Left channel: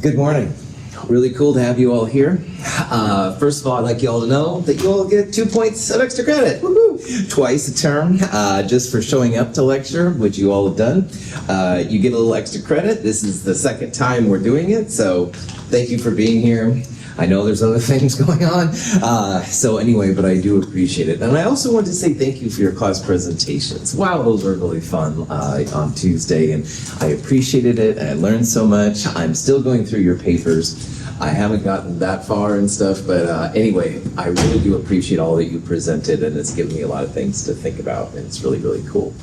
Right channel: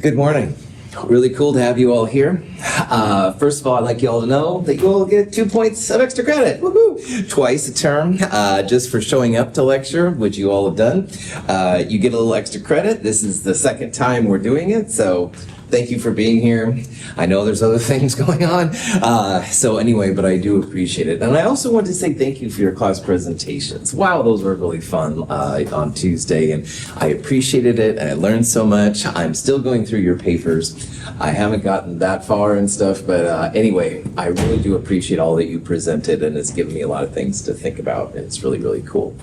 Good morning. Really cool to have you all here. First of all, I'd like you all to know that you all get 2 points of extra credit. Woo-hoo! Twice a term, just for showing up to lecture, which you all have done. You get a little extra credit. This is the second time we're doing it, so thank you for being here. I know there's other things going on. So anyway, but I do appreciate it. And I also want to say thank you for your class presentations. Wow, those were really fun on Tuesday, and I appreciated it. I learned so much. I'm still going through your papers. I haven't gotten that far and stuff, but anyway, I really do appreciate all that you presented, and it's given me a lot of things to think about, and it's really, really cool.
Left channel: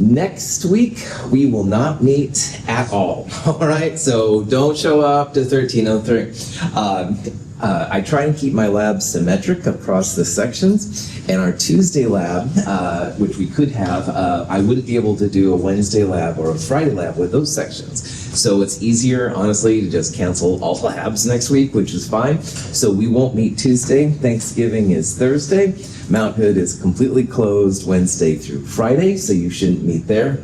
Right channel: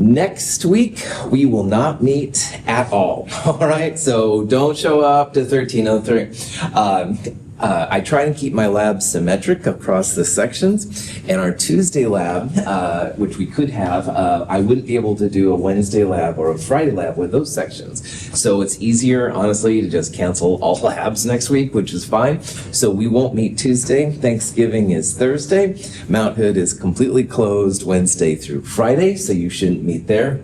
Next week, we will not meet at all right? So don't show up to 1303. I try and keep my lab symmetric across the sections, and our Tuesday lab, which we could have, I wouldn't be able to do a Wednesday lab or a Friday lab with those sections. So it's easier, honestly, to just cancel all labs next week, which is fine. So we won't meet Tuesday. Thanksgiving is Thursday. Mount Hood is completely closed Wednesday through Friday, so you shouldn't meet there.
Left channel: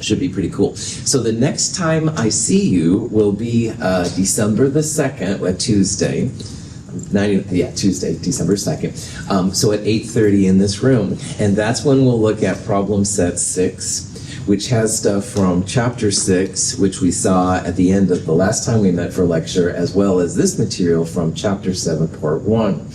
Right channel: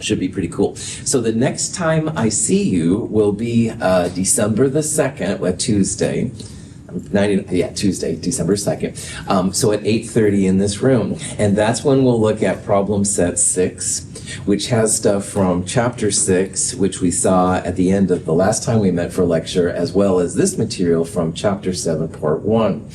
Should be pretty cool. So the next time I see you will be December the 2nd, a Tuesday. Tuesday, December 2nd. So at 8:30 in this room. And that's when we'll look at problem set 6, which has stuff from chapter 6, which we saw at the end of the last time we met for lecture, as well as this material from chapter 7, part 1.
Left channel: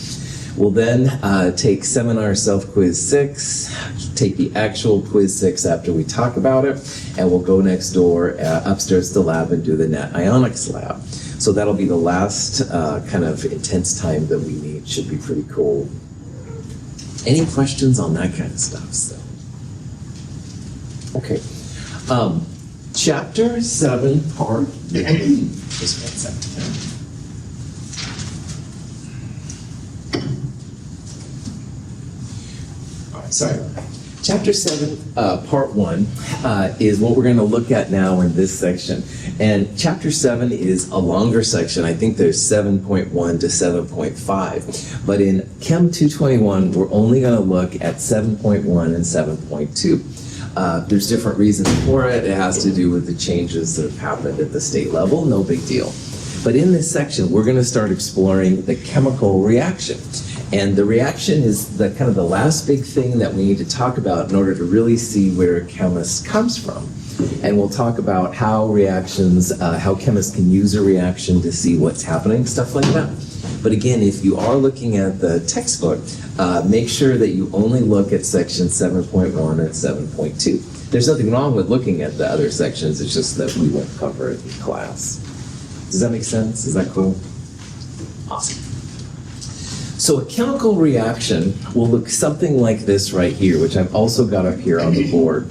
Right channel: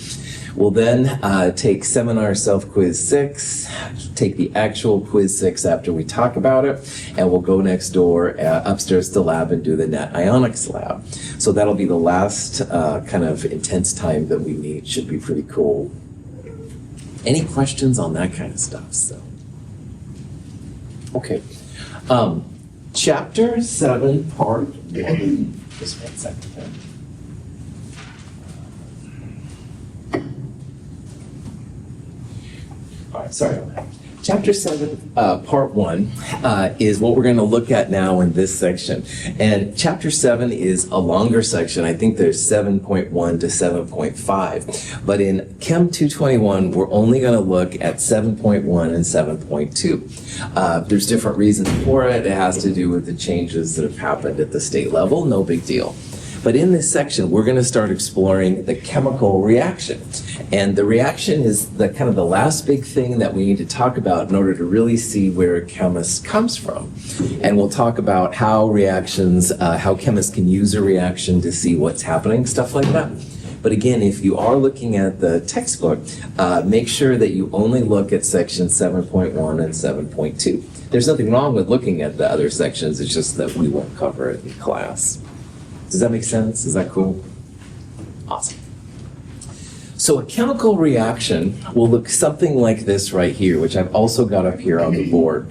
We'll then take seminar self-quiz 6, take the actual quiz 6 after we talk about it, and we'll go next door upstairs to the lab and do the net ionics lab. So that'll be the last kind of intense time that we meet. Should be pretty cool. Any questions on that kind of stuff? So. Okay. Chapter 7, part 1. Just 1 second. Sorry. Chapter 7, part 1, is what we're going to look at now in this section. And chapter 7 is a longer section. I think there's 7.1 to 7.5. But in Chem 221, we're only going to look at 7.1 and 7.2. There's different reasons for it. It has to do with the changes that have happened at the state level. No big deal. But in this section, we're going to start exploring the chemical reaction. And the reaction is the kind of the last big thing that we need to talk about in order to really see where a chemist comes from. And we'll talk about how reactions, how chemists can use a reaction to see what's happening, stuff like that. But again, if you are looking at the textbook, make sure that you only look at section 7.1 and 7.2. There's nothing wrong with looking at the other sections, it's just that we won't cover it in class. Does that make sense? Is that cool? Awesome. So a chemical reaction will look something like this right here, which I've also got up here on the board.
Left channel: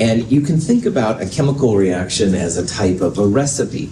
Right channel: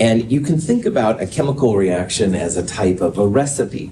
And you can think about a chemical reaction as a type of a recipe.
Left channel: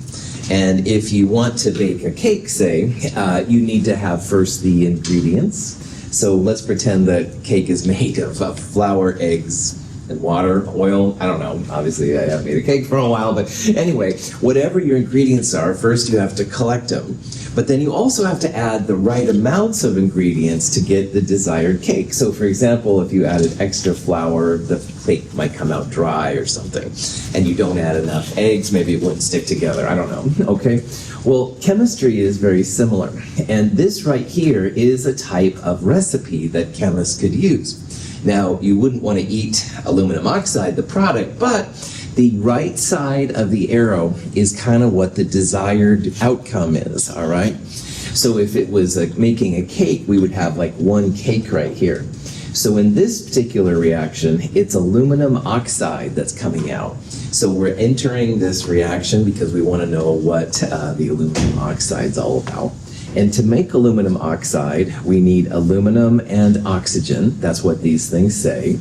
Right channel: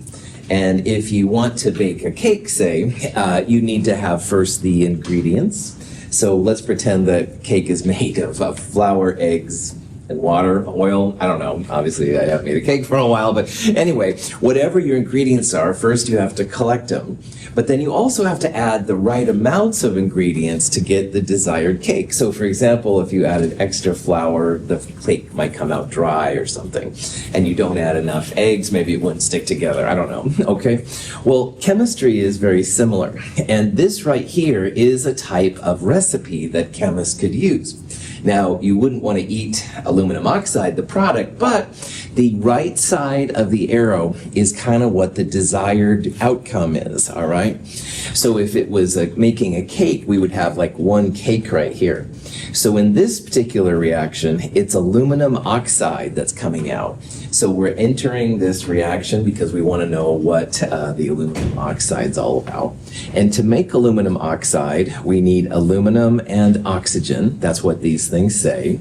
And if you want to bake a cake, say, you need to have first the ingredients. So let's pretend that cake is made of flour, eggs, and water, oil, I don't know, obviously I haven't made a cake for a while, but anyway, whatever your ingredients are, first you have to collect them. But then you also have to add the right amounts of ingredients to get the desired cake. So for example, if you added extra flour, the cake might come out dry or something. And you don't add enough eggs, maybe it wouldn't stick together, I don't know, okay? Well, chemistry is very similar. And this right here is a type of recipe that chemists could use. Now, you wouldn't want to eat aluminum oxide, the product, but the right side of the arrow is kind of what the desired outcome is, all right? So if it was making a cake, we would have like one cake right here. So in this particular reaction, it's aluminum oxide that's coming out. So we're entering this reaction because we want to know what the aluminum oxide is all about. And to make aluminum oxide, we need aluminum and oxygen. That's what these things say.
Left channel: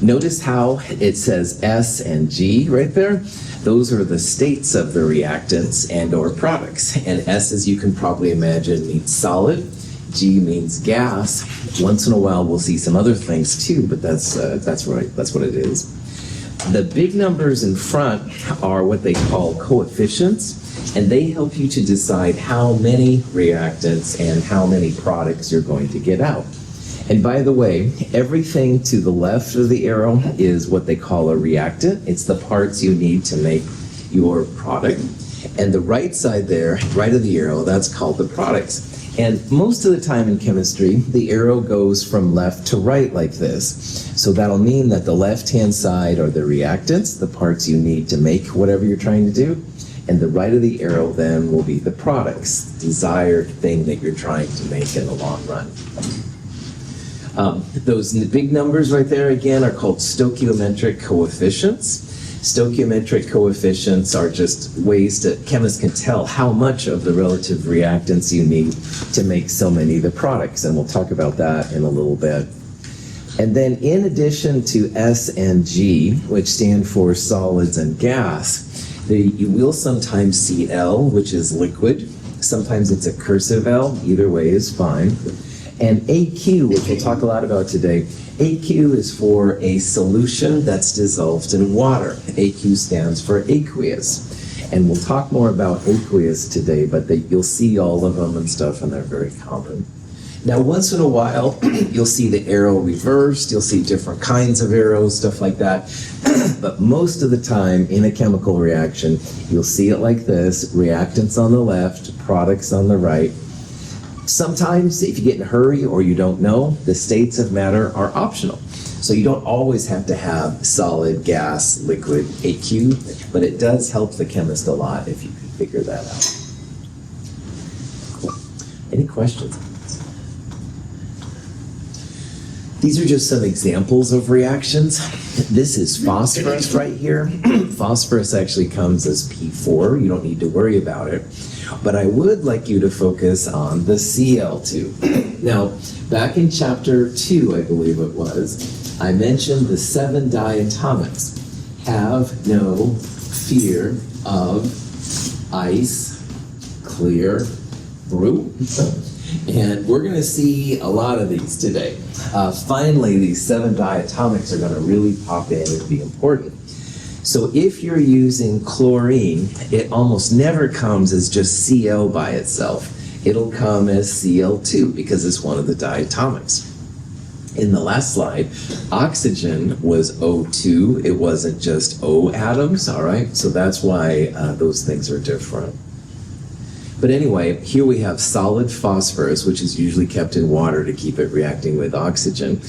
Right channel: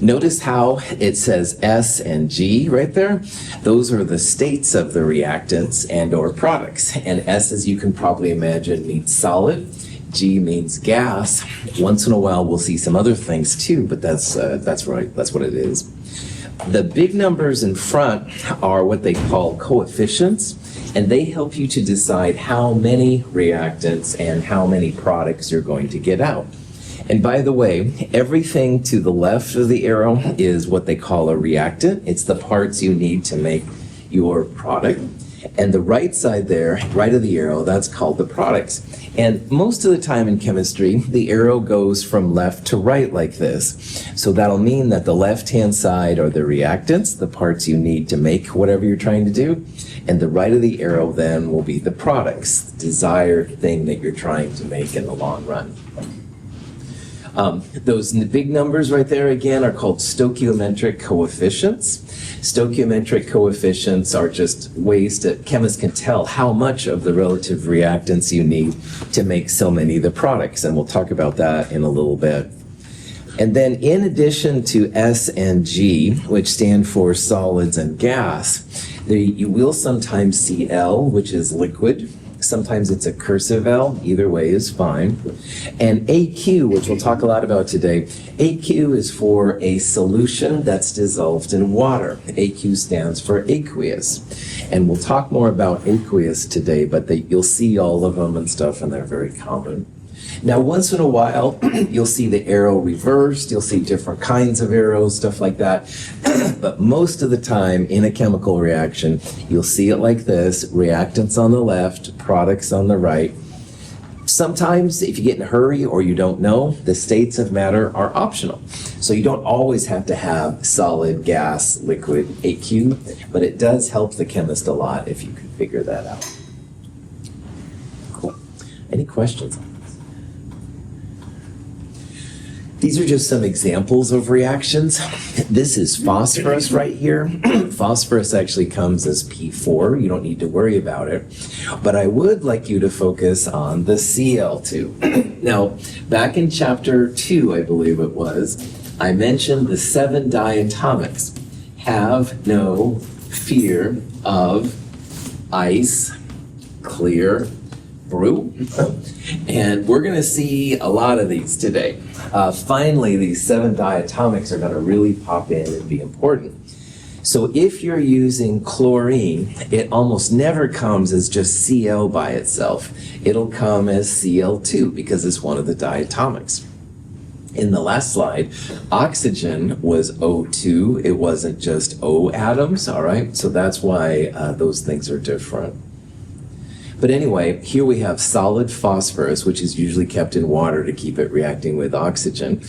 Notice how it says S and G right there. Those are the states of the reactants and or products. And S, as you can probably imagine, means solid. G means gas. Once in a while we'll see some other things too, but that's right, that's what it is. The big numbers in front are what they call coefficients, and they help you to decide how many reactants and how many products you're going to get out. And by the way, everything to the left of the arrow is what they call a reactant. It's the parts you need to make your product. And the right side there, right of the arrow, that's called the products. And most of the time in chemistry, the arrow goes from left to right like this. So that'll mean that the left-hand side are the reactants, the parts you need to make whatever you're trying to do. And the right of the arrow then will be the products, the desired thing that you're trying to make in the long run. Those big numbers right there again are called stoichiometric coefficients. Stoichiometric coefficients are just ways that chemists can tell how much of the relative reactants you need to make so many of the products, and we'll talk about that in a little bit. And then in addition to S and G, which stand for solids and gas, you will sometimes see L, which is liquid. Sometimes it's a cursive L, either way is fine. And AQ, which we'll talk a lot about today, AQ is for a solution that's dissolved in water. AQ stands for aqueous. And we'll talk more about aqueous today, but you'll see all of them and stuff, and they're very common. Now, once in a while, you'll see the arrow reversed, you'll see different kinds of arrows, stuff like that. But most of the time in a chemical reaction, you'll see it like this, reactants on the left, products on the right. Sometimes, if you get in a hurry or you don't know, the states of matter are optional. So you don't always have to have solid, gas, liquid, AQ, but it does help the chemist a lot if you can figure that out. Cool. Any questions? These are just some examples of reactions. This is phosphorus right here. Phosphorus actually comes as P4. You don't need to worry about it. But I would like you to focus on the Cl2. Now, back in chapter 2, I believe it was, I mentioned the 7 diatomics. Have no fear of ice, clear, brew. And we're going to see a lot of these today. Finally, these 7 diatomics are going to really pop in and be important. So if you're using chlorine, it almost never comes as just Cl by itself. It'll come as Cl2 because it's one of the diatomics. In the last slide, oxygen was O2. It wasn't just O atoms, all right? So that's why those things are different. But anyway, here we have solid phosphorus, which is usually kept in water to keep it reacting with oxygen.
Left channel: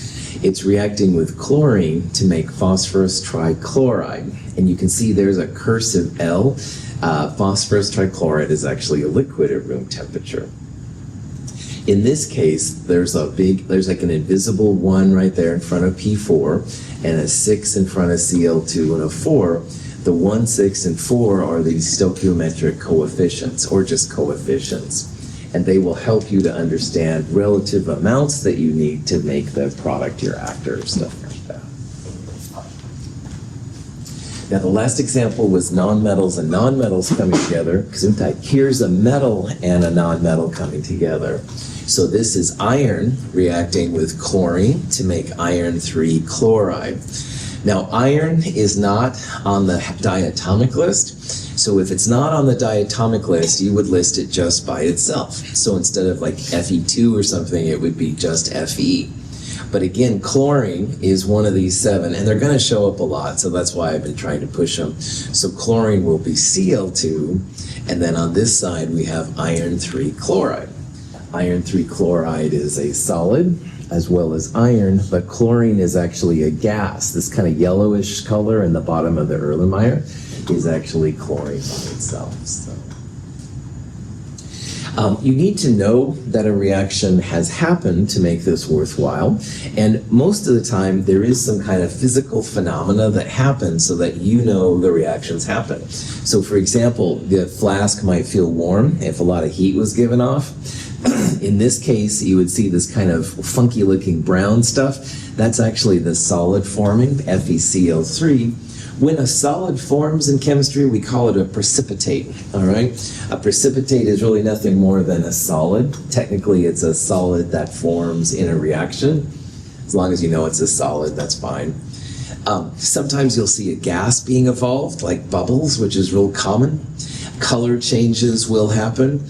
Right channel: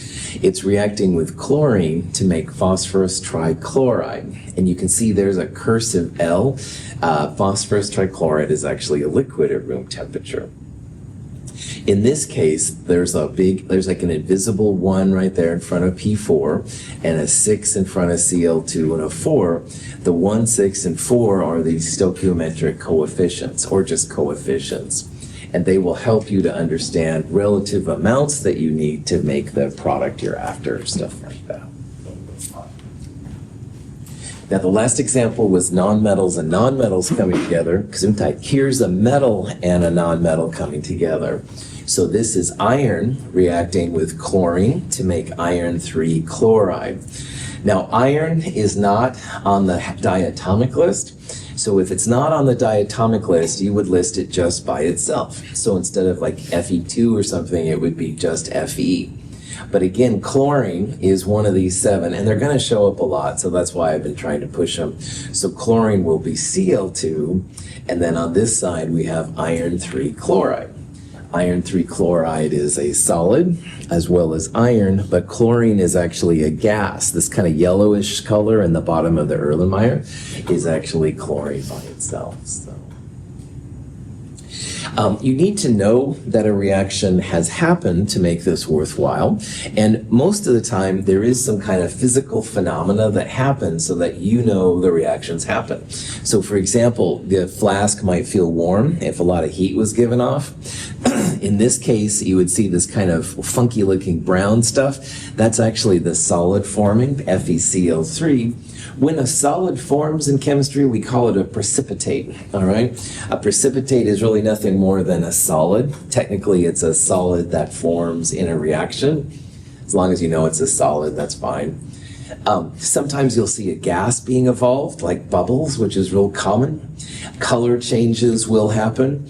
It's reacting with chlorine to make phosphorus trichloride. And you can see there's a cursive L. Phosphorus trichloride is actually a liquid at room temperature. In this case, there's like an invisible 1 right there in front of P4, and a 6 in front of Cl2, and a 4. The 1, 6, and 4 are the stoichiometric coefficients, or just coefficients. And they will help you to understand relative amounts that you need to make the product you're after, stuff like that. Now, the last example was nonmetals and nonmetals coming together. Here's a metal and a nonmetal coming together. So this is iron reacting with chlorine to make iron 3 chloride. Now, iron is not on the diatomic list. So if it's not on the diatomic list, you would list it just by itself. So instead of like Fe2 or something, it would be just Fe. But again, chlorine is one of these 7, and they're going to show up a lot, so that's why I've been trying to push them. So chlorine will be Cl2, and then on this side we have iron 3 chloride. Iron 3 chloride is a solid as well as iron, but chlorine is actually a gas. This kind of yellowish color in the bottom of the Erlenmeyer is actually chlorine on itself. So. You need to know that a reaction has happened to make this worthwhile, and most of the time there is some kind of physical phenomena that happens so that you know the reactions happen. So for example, the flask might feel warm if a lot of heat was given off. In this case, you would see this kind of funky looking brown stuff. That's actually the solid forming, FeCl3. When a solid forms in chemistry, we call it a precipitate, all right? A precipitate is really nothing more than a solid. Technically, it's a solid that forms in a reaction. As long as you know it's a solid, that's fine. Sometimes you'll see a gas being evolved, like bubbles, which is real common. Color changes will happen.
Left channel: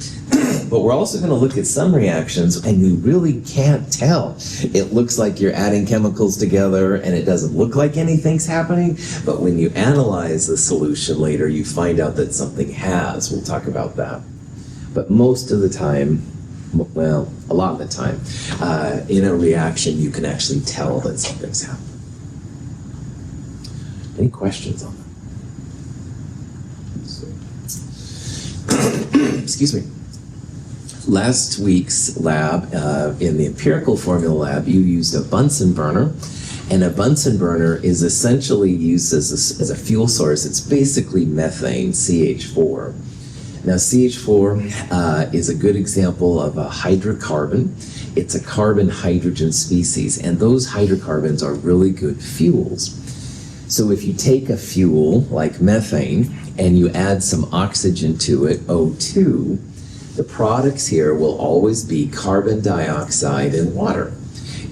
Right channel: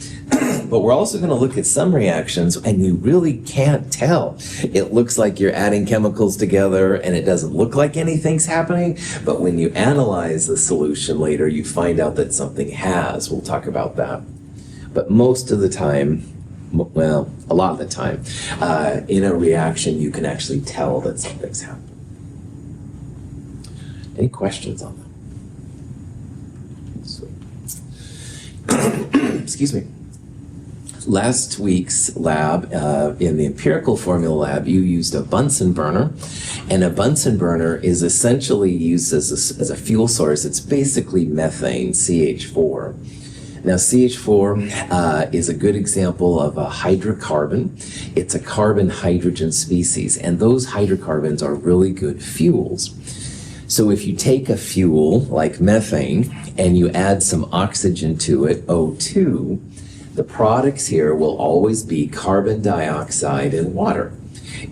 But we're also going to look at some reactions, and you really can't tell. It looks like you're adding chemicals together, and it doesn't look like anything's happening. But when you analyze the solution later, you find out that something has. We'll talk about that. But most of the time, well, a lot of the time, in a reaction, you can actually tell that something's happening. Any questions on that? Excuse me. Last week's lab, in the empirical formula lab, you used a Bunsen burner. And a Bunsen burner is essentially used as a fuel source. It's basically methane, CH4. Now, CH4 is a good example of a hydrocarbon. It's a carbon-hydrogen species, and those hydrocarbons are really good fuels. So if you take a fuel like methane and you add some oxygen to it, O2, the products here will always be carbon dioxide and water.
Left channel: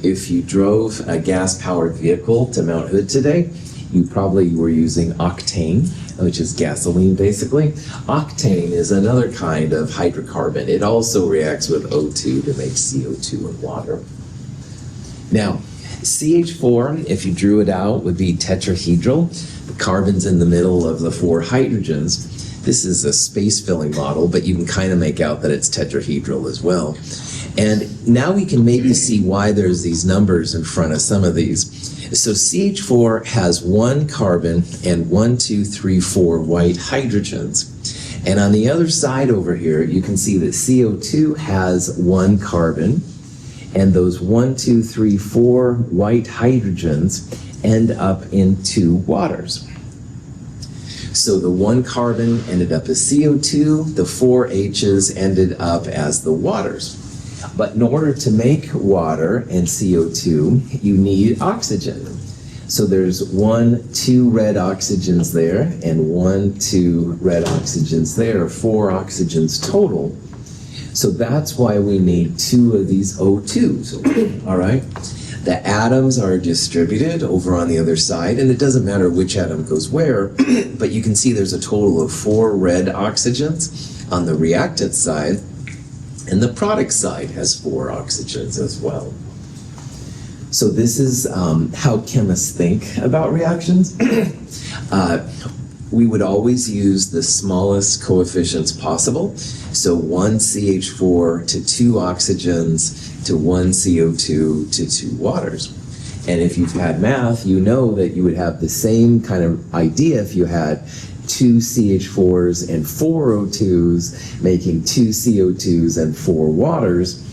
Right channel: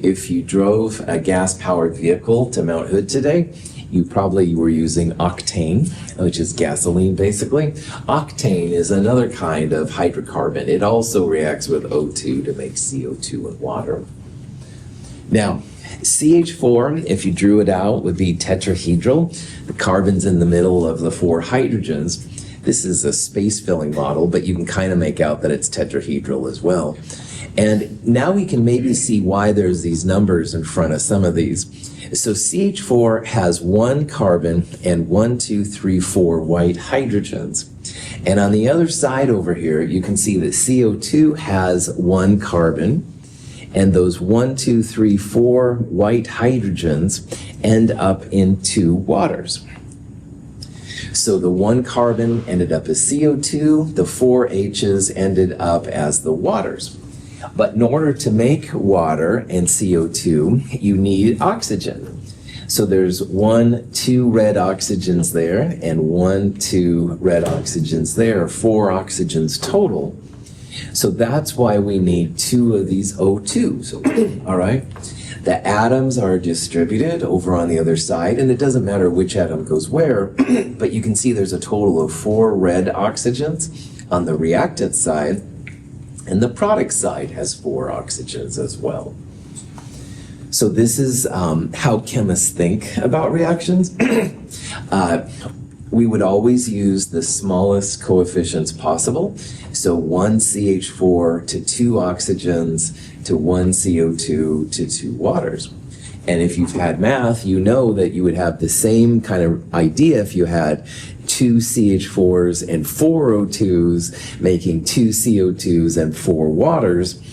If you drove a gas-powered vehicle to Mount Hood today, you probably were using octane, which is gasoline basically. Octane is another kind of hydrocarbon. It also reacts with O2 to make CO2 and water. Now, CH4, if you drew it out, would be tetrahedral. The carbon's in the middle of the 4 hydrogens. This is a space-filling model, but you can kind of make out that it's tetrahedral as well. And now we can maybe see why there's these numbers in front of some of these. So CH4 has 1 carbon and 1, 2, 3, 4 white hydrogens. And on the other side over here, you can see that CO2 has 1 carbon, and those 1, 2, 3, 4 white hydrogens end up in 2 waters. So the 1 carbon ended up as CO2, the 4 H's ended up as the waters. But in order to make water and CO2, you need oxygen. So there's 1, 2 red oxygens there, and 1, 2 red oxygens there, 4 oxygens total. So that's why we need 2 of these O2s, all right? The atoms are distributed over on the other side, and it doesn't matter which atom goes where, but you can see there's a total of 4 red oxygens on the reactant side, and the product side has 4 oxygens as well. So this is how chemists think about reactions. We would always use the smallest coefficients possible. So 1 CH4 to 2 oxygens to 1 CO2 to 2 waters. And if you've had math, you know that you would have the same kind of idea if you had 2 CH4s and 4 O2s making 2 CO2s and 4 waters.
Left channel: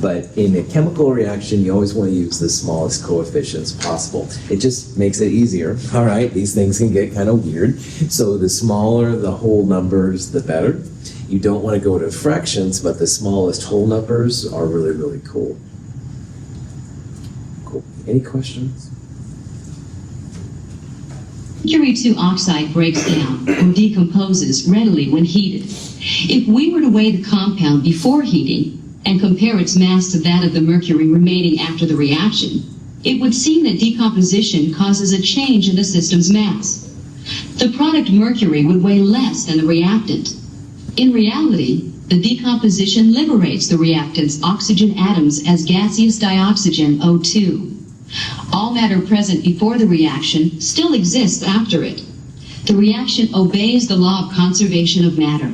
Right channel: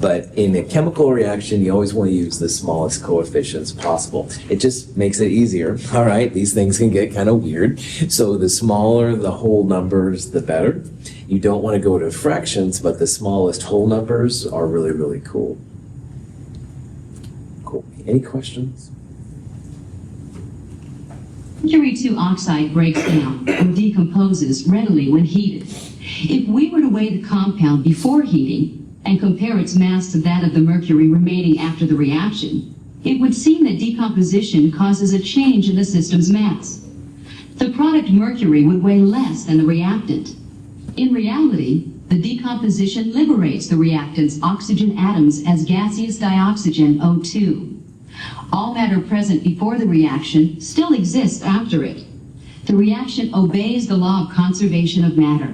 But in a chemical reaction, you always want to use the smallest coefficients possible. It just makes it easier. All right, these things can get kind of weird. So the smaller the whole numbers, the better. You don't want to go to fractions, but the smallest whole numbers are really, really cool. Cool. Any questions? Mercury 2 oxide breaks down or decomposes readily when heated. If we were to weigh the compound before heating and compare its mass to that of the mercury remaining after the reaction, it would seem that decomposition causes a change in the system's mass. The product mercury would weigh less than the reactant. In reality, the decomposition liberates the reactant's oxygen atoms as gaseous dioxygen O2. All matter present before the reaction still exists after it. The reaction obeys the law of conservation of matter.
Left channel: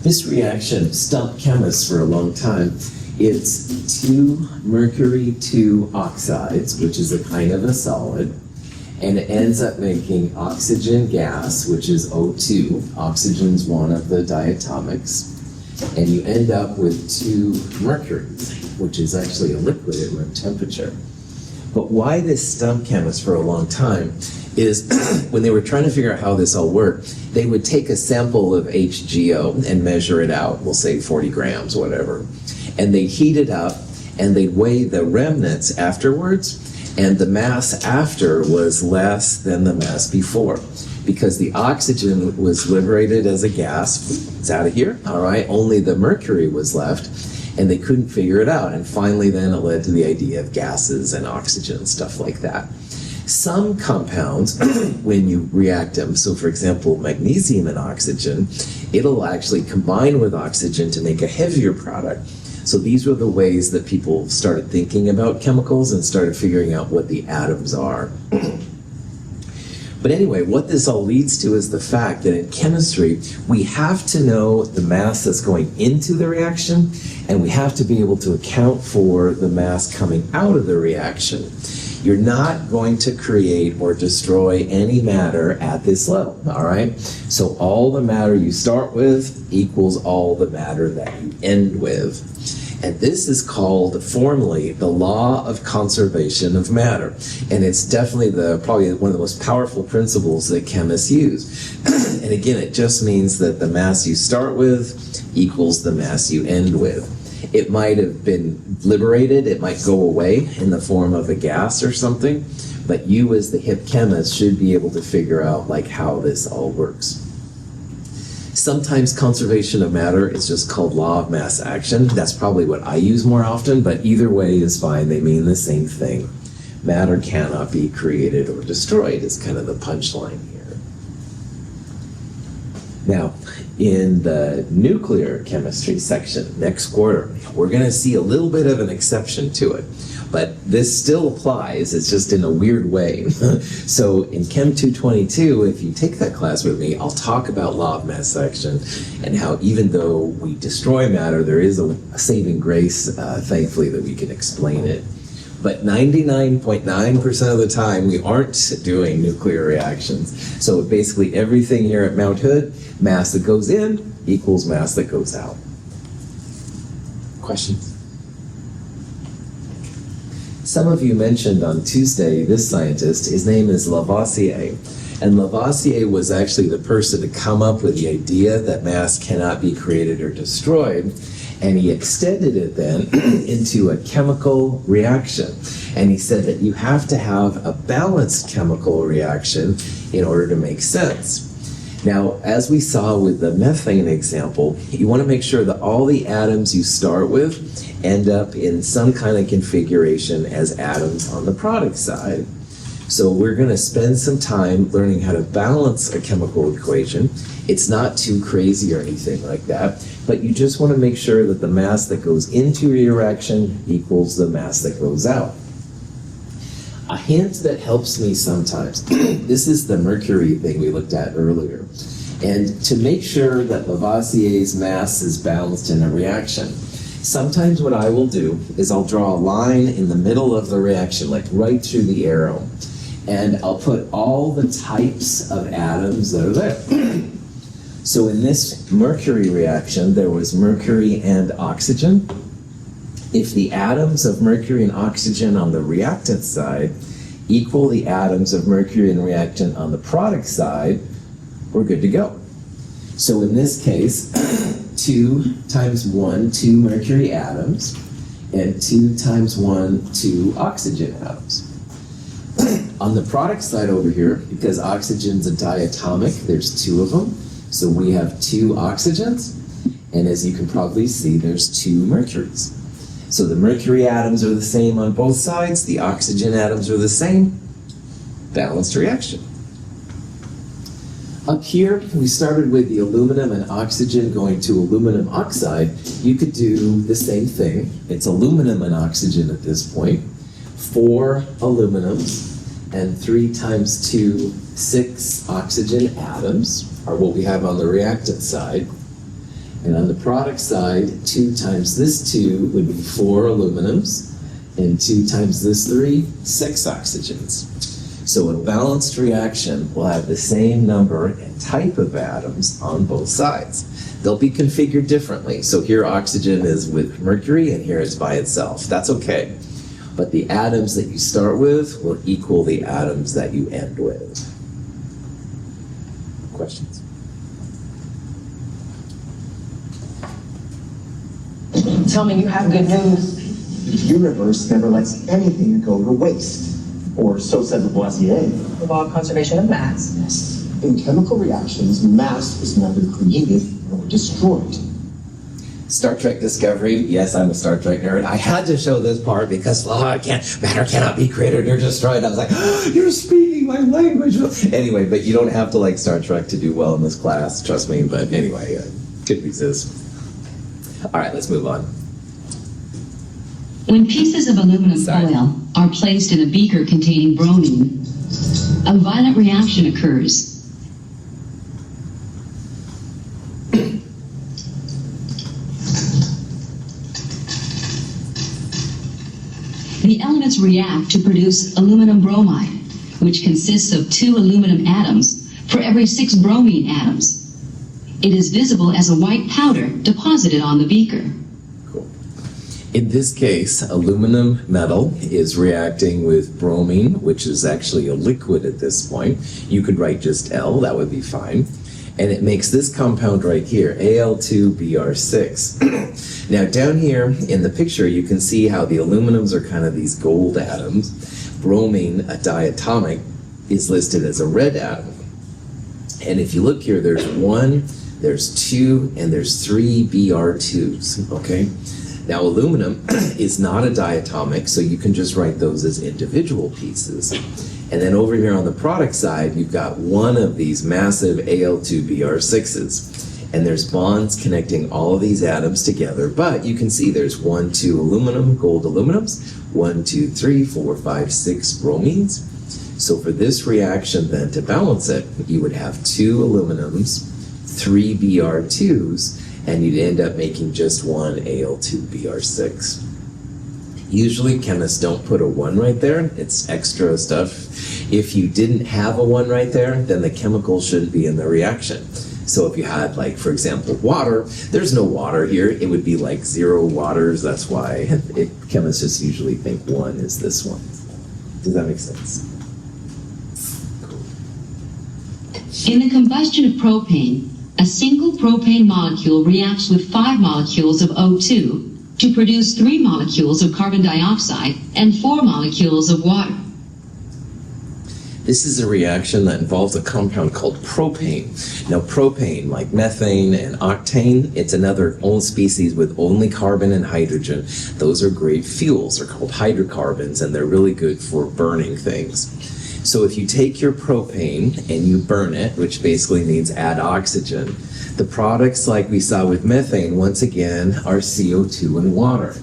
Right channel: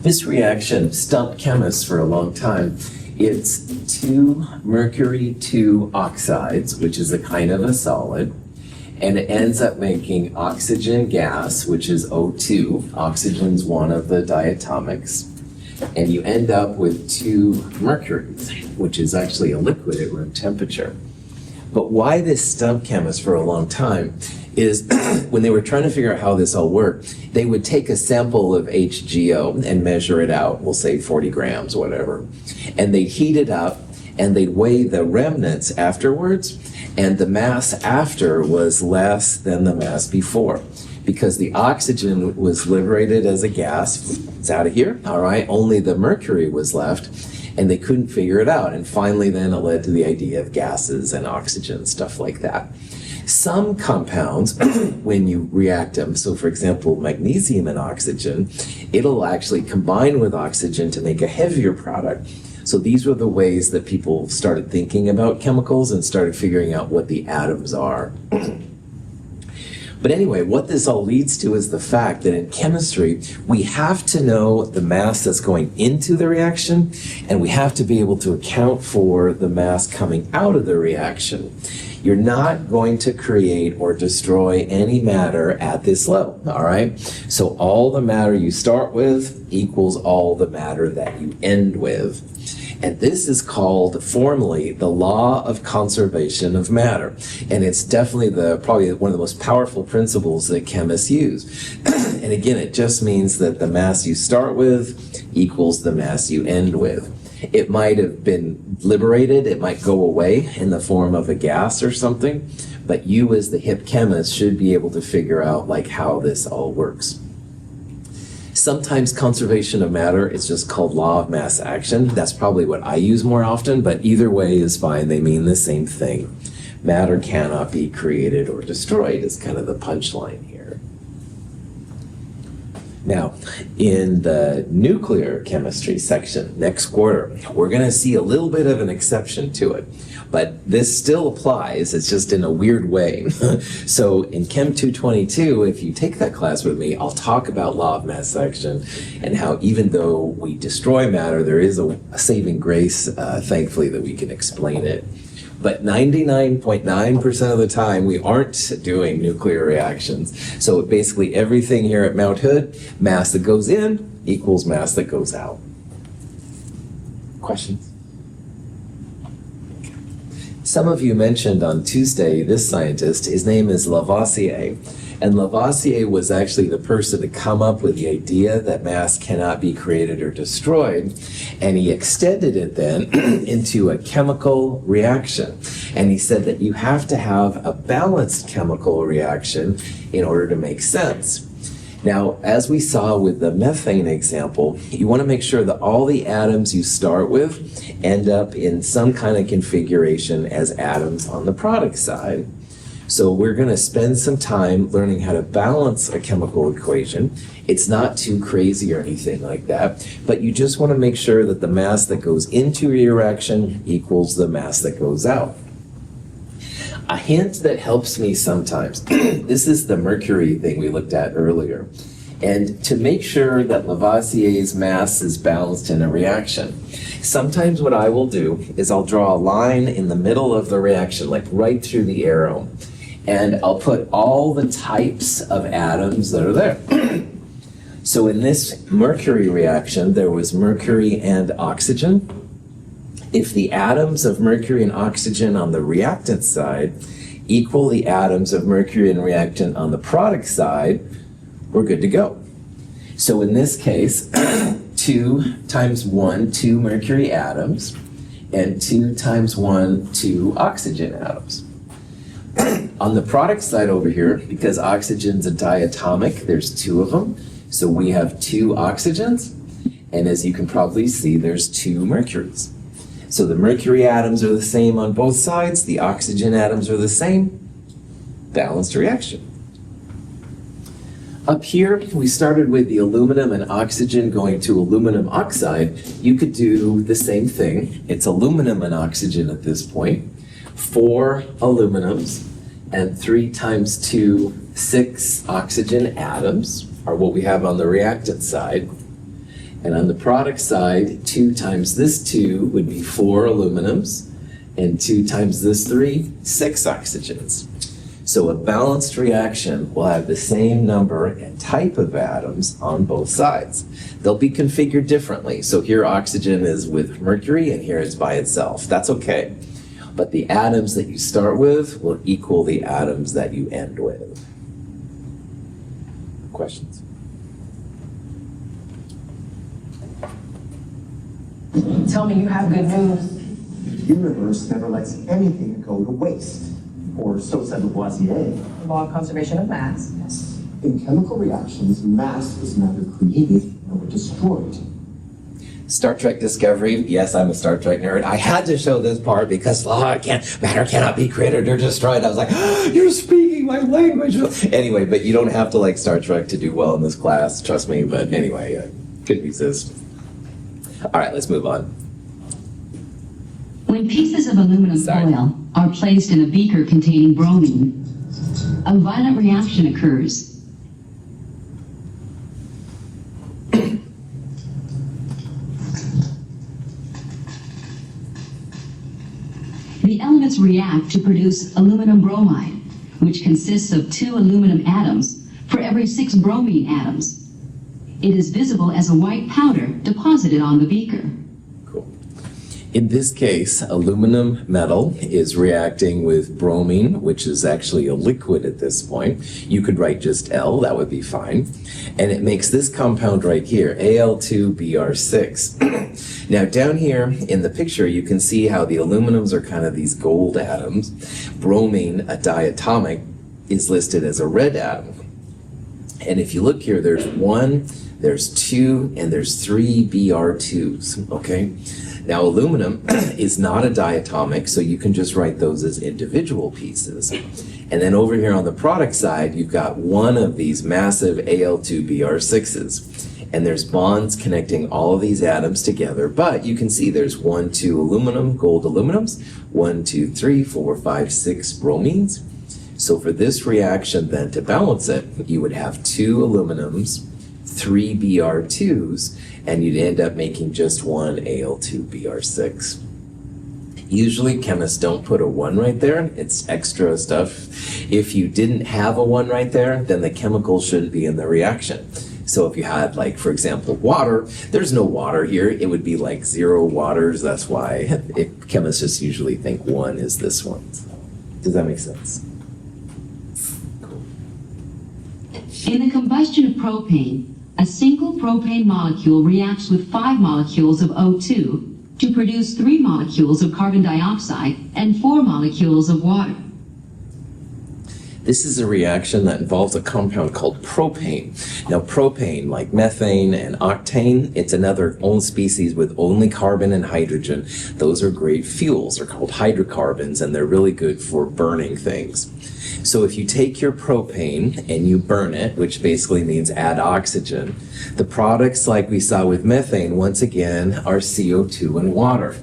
This reaction stumped chemists for a long time. It's 2 mercury 2 oxides, which is a kind of a solid, and it ends up making oxygen gas, which is O2. Oxygen's one of the diatomics. And you end up with 2 mercuries, which is actually a liquid at room temperature. But why this stumped chemists for a long time is when they were trying to figure out how this all worked, they would take a sample of HGO and measure it out, we'll say 40 grams, whatever. And they'd heat it up, and they'd weigh the remnants afterwards, and the mass after was less than the mass before, because the oxygen was liberated as a gas. It's out of here, all right? Only the mercury was left, and they couldn't figure it out. And finally, then it led to the idea of gases and oxygen, stuff like that. Some compounds, when you react them, so for example, magnesium and oxygen, it'll actually combine with oxygen to make a heavier product. So these were the ways that people started thinking about chemicals and started figuring out what the atoms are. But anyway, what this all leads to is the fact that in chemistry, we have to know the mass that's going into the reaction, and we have to be able to account for the mass coming out of the reaction. You're not going to create or destroy any matter at this level, all right? So all the matter you start with equals all the matter that you end with. And this is called formally the law of conservation of matter. And it's definitely probably one of the most powerful principles that chemists use. And again, it just means that the mass you start with equals the mass you end with. It might have been liberated, it might go away in the form of a gas or something, but you as the hip chemist should be able to figure out like how this all works. Sometimes conservation of matter is just called law of mass action. That's probably what I use more often, but either way is fine. They mean the same thing. Matter cannot be created or destroyed is kind of the punchline here. Now, in the nuclear chemistry section next quarter, we're going to see a little bit of an exception to it. But this still applies, it's just in a weird way. So in Chem 222, if you take that class with me, I'll talk about law of mass action and how even though we destroy matter, there is a saving grace, thankfully, that we can explain it. But 99.9% of the time, we aren't doing nuclear reactions. So basically everything here at Mount Hood, mass that goes in equals mass that goes out. Questions? Some of you mentioned on Tuesday this scientist. His name is Lavoisier. And Lavoisier was actually the person to come up with the idea that mass cannot be created or destroyed. And he extended it then into a chemical reaction. And he said that you have to have a balanced chemical reaction in order to make sense. Now, as we saw with the methane example, you want to make sure that all the atoms you start with end up in some kind of configuration as atoms on the product side. So we're going to spend some time learning how to balance a chemical equation. It's not too crazy or anything like that, but you just want to make sure that the mass that goes into your reaction equals the mass that goes out. A hint that helps me sometimes, this is the mercury thing we looked at earlier. And to make sure that Lavoisier's mass is balanced in a reaction, sometimes what I will do is I'll draw a line in the middle of the reaction, like right through the arrow, and I'll put all the types of atoms that are there. So in this mercury reaction, there was mercury and oxygen. If the atoms of mercury and oxygen on the reactant side equal the atoms of mercury and reactant on the product side, we're good to go. So in this case, 2 times 1, 2 mercury atoms, and 2 times 1, 2 oxygen atoms. On the product side over here, because oxygen's a diatomic, there's 2 of them, so we have 2 oxygens, and as you can probably see, there's 2 mercuries. So the mercury atoms are the same on both sides, the oxygen atoms are the same, balanced reaction. Up here, we started with the aluminum and oxygen going to aluminum oxide. You could do the same thing. It's aluminum and oxygen at this point. 4 aluminums and 3 times 2, 6 oxygen atoms are what we have on the reactant side. And on the product side, 2 times this 2 would be 4 aluminums, and 2 times this 3, 6 oxygens. So a balanced reaction will have the same number and type of atoms on both sides. They'll be configured differently. So here oxygen is with mercury, and here it's by itself. That's okay. But the atoms that you start with will equal the atoms that you end with. Questions? Tell me you have good news. The universe never lets anything go to waste, or so said Lavoisier. The law of conservation of mass. In chemical reactions, mass is neither created nor destroyed. Star Trek Discovery, yes, I'm a Star Trek nerd. I had to show this part because matter cannot be created or destroyed. I was like, oh, you're speaking my language. Anyway, but you don't have to like Star Trek to do well in this class, trust me. But anyway, I could resist. All right, let's move on. When pieces of aluminum foil are placed in a beaker containing bromine, a violent reaction occurs. The elements react to produce aluminum bromide, which consists of 2 aluminum atoms for every 6 bromine atoms. It is visible as a white powder deposited on the beaker. Cool. In this case, aluminum metal is reacting with bromine, which is actually a liquid at this point. You could write just L, that would be fine. And it makes this compound right here, Al2Br6. Now down here in the picture, you can see how the aluminums are kind of these gold atoms. Bromine, a diatomic, is listed as a red atom. And if you look here, there's 1, there's 2, and there's 3 Br2s, okay? Now aluminum is not a diatomic, so you can just write those as individual pieces. And then over here on the product side, you've got 1 of these massive Al2Br6s. And there's bonds connecting all of these atoms together, but you can see there's 1, 2 aluminum, gold aluminums, 1, 2, 3, 4, 5, 6 bromines. So for this reaction then to balance it, you would have 2 aluminums, 3 Br2s, and you'd end up making just 1 Al2Br6. Usually chemists don't put a 1 right there, it's extra stuff. If you didn't have a 1 right there, then the chemical shouldn't be in the reaction. So if you had, like, for example, water, there's no water here. It would be like 0 waters. That's why chemists just usually think 1 is this one. Does that make sense? Cool. In the combustion of propane, a single propane molecule reacts with 5 molecules of O2 to produce 3 molecules of carbon dioxide and 4 molecules of water. This is a reaction that involves a compound called propane. Now propane, like methane and octane, it's another own species with only carbon and hydrogen. Those are great fuels. They're called hydrocarbons, and they're really good for burning things. So if you take your propane and you burn it, which basically means add oxygen, the products like we saw with methane, once again, are CO2 and water.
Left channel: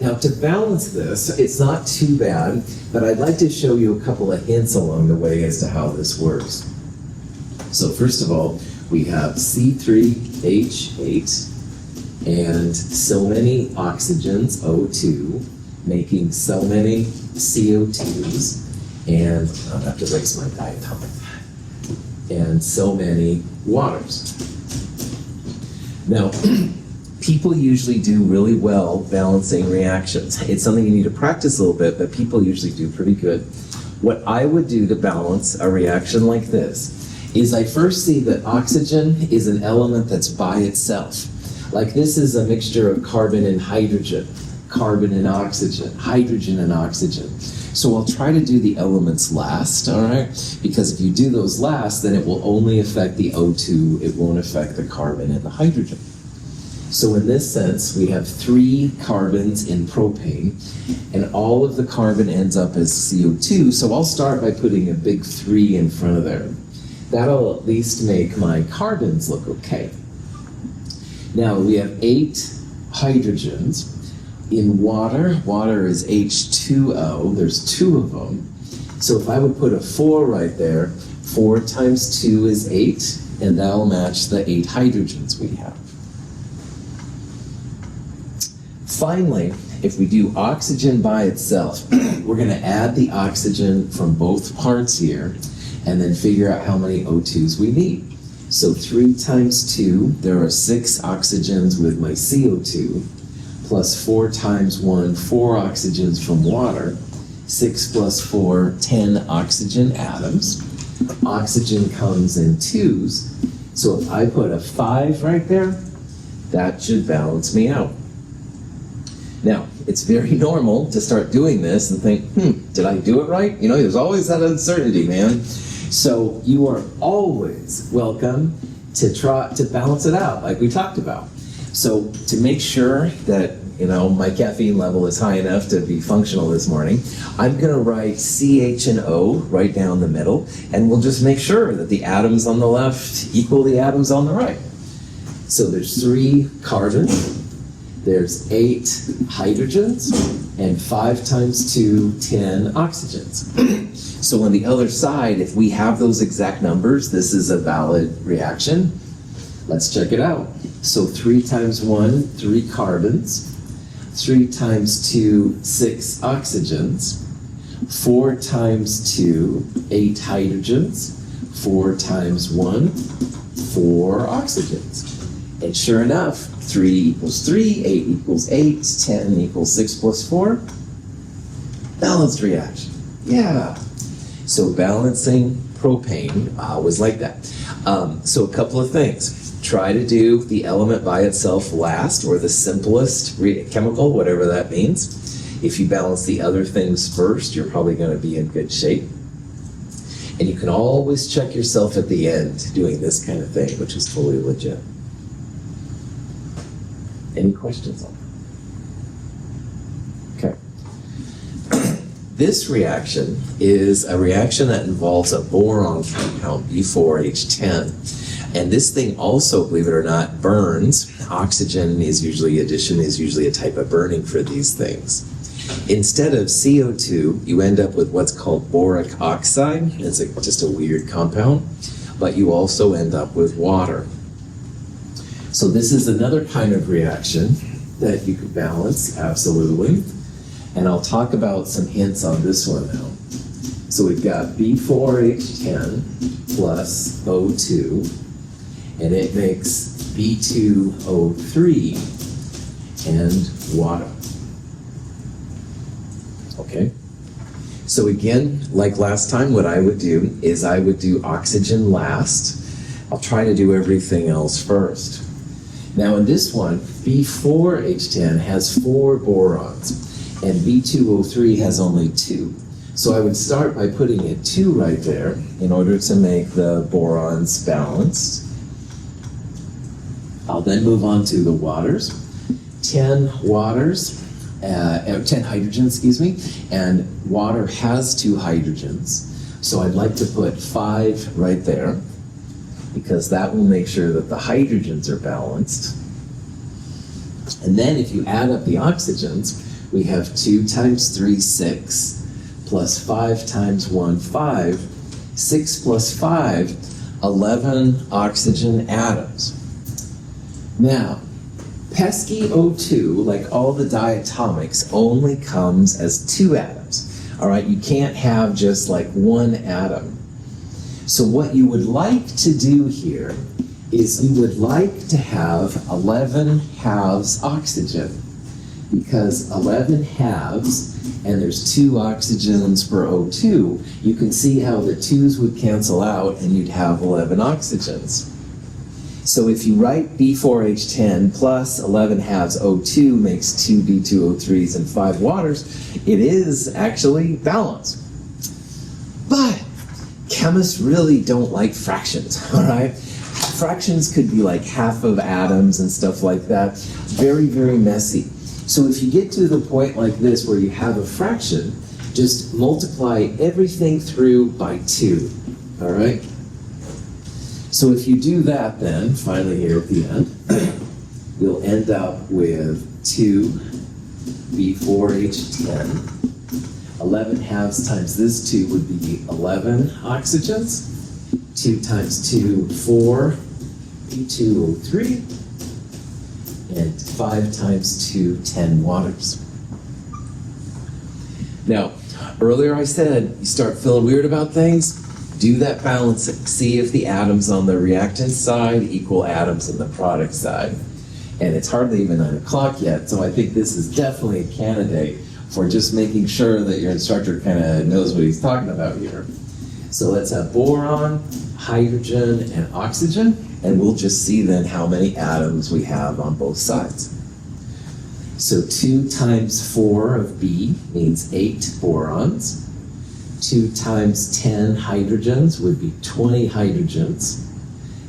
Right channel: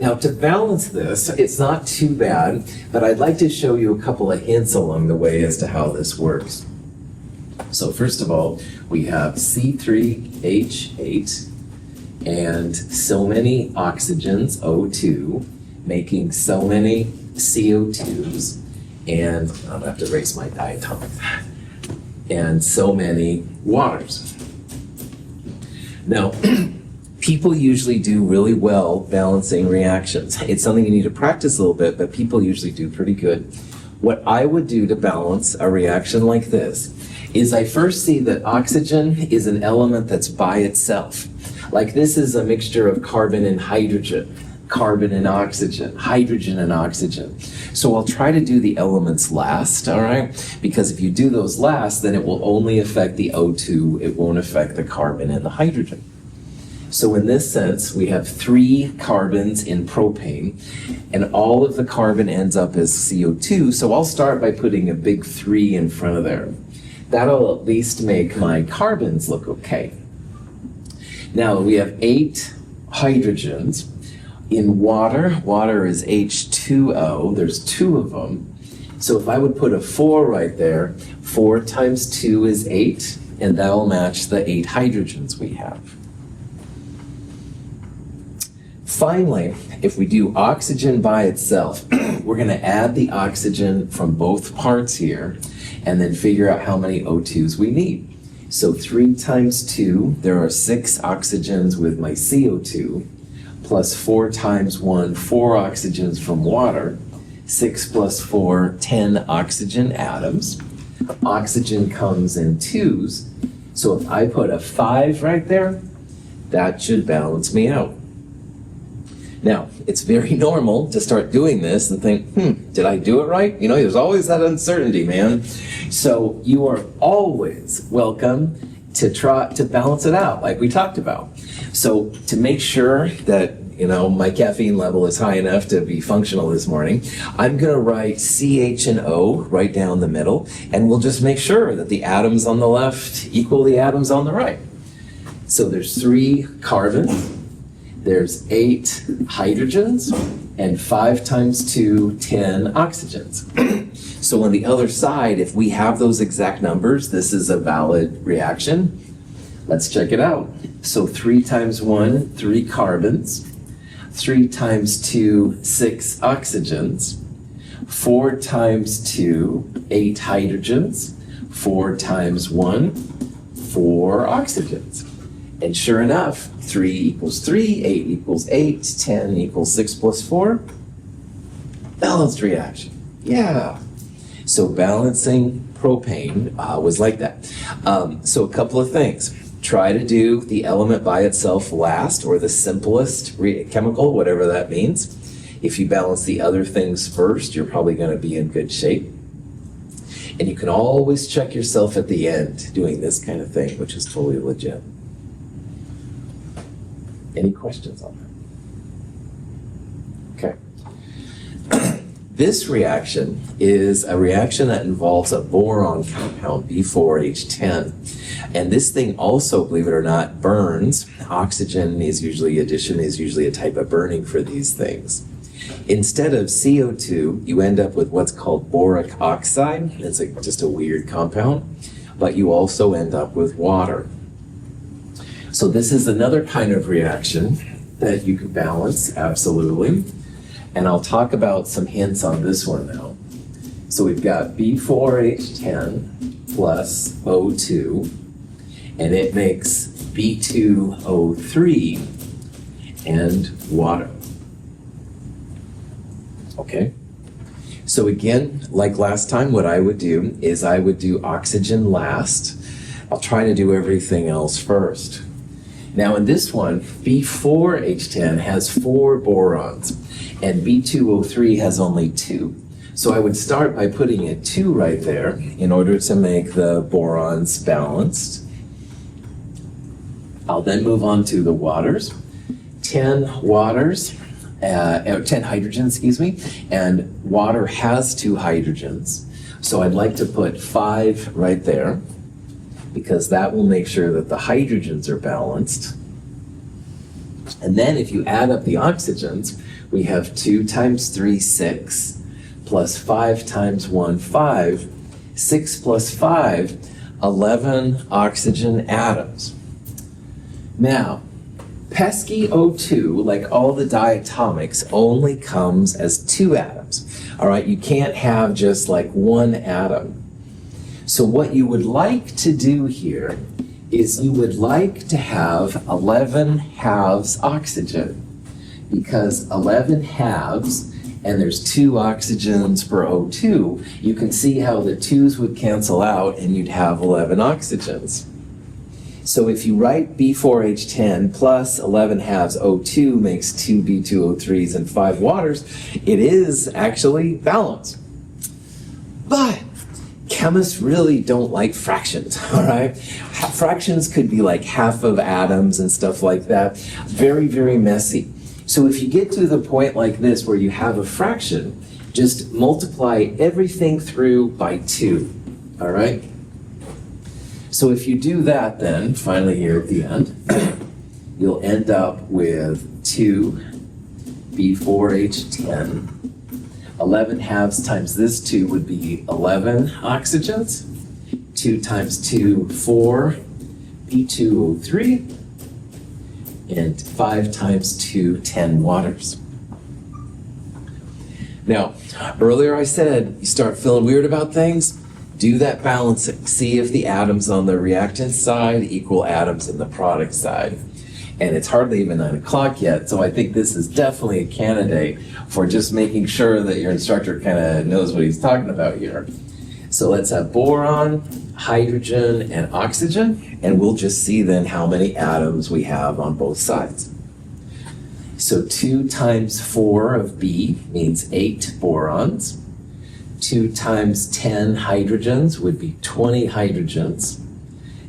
Now to balance this, it's not too bad, but I'd like to show you a couple of hints along the way as to how this works. So first of all, we have C3H8 and so many oxygens, O2, making so many CO2s, and I'll have to erase my diatomic, and so many waters. Now, people usually do really well balancing reactions. It's something you need to practice a little bit, but people usually do pretty good. What I would do to balance a reaction like this is I first see that oxygen is an element that's by itself. Like this is a mixture of carbon and hydrogen, carbon and oxygen, hydrogen and oxygen. So I'll try to do the elements last, all right? Because if you do those last, then it will only affect the O2, it won't affect the carbon and the hydrogen. So in this sense, we have 3 carbons in propane, and all of the carbon ends up as CO2, so I'll start by putting a big 3 in front of there. That'll at least make my carbons look okay. Now we have 8 hydrogens. In water, water is H2O, there's 2 of them. So if I would put a 4 right there, 4 times 2 is 8, and that'll match the 8 hydrogens we have. Finally, if we do oxygen by itself, we're going to add the oxygen from both parts here and then figure out how many O2s we need. So 3 times 2, there are 6 oxygens with my CO2, plus 4 times 1, 4 oxygens from water, 6 plus 4, 10 oxygen atoms. Oxygen comes in 2s, so if I put a 5 right there, that should balance me out. Now, it's very normal to start doing this and think, did I do it right? You know, there's always that uncertainty, man. So you are always welcome to try to balance it out, like we talked about. So to make sure that my caffeine level is high enough to be functional this morning, I'm going to write CH and O right down the middle, and we'll just make sure that the atoms on the left equal the atoms on the right. So there's 3 carbons, there's 8 hydrogens, and 5 times 2, 10 oxygens. So on the other side, if we have those exact numbers, this is a valid reaction. Let's check it out. So 3 times 1, 3 carbons. 3 times 2, 6 oxygens. 4 times 2, 8 hydrogens. 4 times 1, 4 oxygens. And sure enough, 3 equals 3, 8 equals 8, 10 equals 6 plus 4. Balanced reaction. Yeah. So balancing propane was like that. So a couple of things. Try to do the element by itself last, or the simplest chemical, whatever that means. If you balance the other things first, you're probably going to be in good shape. And you can always check yourself at the end doing this kind of thing, which is totally legit. Any questions on that? Okay. This reaction is a reaction that involves a boron compound, B4H10. And this thing also, believe it or not, burns. Oxygen is usually a type of burning for these things. Instead of CO2, you end up with what's called boric oxide. It's just a weird compound, but you also end up with water. So this is another kind of reaction that you can balance, absolutely. And I'll talk about some hints on this one now. So we've got B4H10 plus O2, and it makes B2O3 and water. Okay? So again, like last time, what I would do is I would do oxygen last. I'll try to do everything else first. Now in this one, B4H10 has 4 borons, and B2O3 has only 2. So I would start by putting a 2 right there in order to make the borons balanced. I'll then move on to the waters. 10 hydrogens, and water has 2 hydrogens. So I'd like to put 5 right there, because that will make sure that the hydrogens are balanced. And then if you add up the oxygens, we have 2 times 3, 6, plus 5 times 1, 5, 6 plus 5, 11 oxygen atoms. Now, pesky O2, like all the diatomics, only comes as 2 atoms. All right, you can't have just like 1 atom. So what you would like to do here is you would like to have 11 halves oxygen, because 11 halves, and there's 2 oxygens per O2, you can see how the 2's would cancel out and you'd have 11 oxygens. So if you write B4H10 plus 11 halves O2 makes 2 B2O3s and 5 waters, it is actually balanced. But chemists really don't like fractions, all right? Fractions could be like half of atoms and stuff like that. Very, very messy. So if you get to the point like this where you have a fraction, just multiply everything through by 2, all right? So if you do that then, finally here at the end, you'll end up with 2 B4H10. 11 halves times this 2 would be 11 oxygens. 2 times 2, 4 B2O3. And 5 times 2, 10 waters. Now, earlier I said, you start feeling weird about things, do that balancing. See if the atoms on the reactant side equal atoms on the product side. And it's hardly even 9 o'clock yet, so I think this is definitely a candidate for just making sure that your instructor kind of knows what he's talking about here. So let's have boron, hydrogen, and oxygen, and we'll just see then how many atoms we have on both sides. So 2 times 4 of B means 8 borons. 2 times 10 hydrogens would be 20 hydrogens.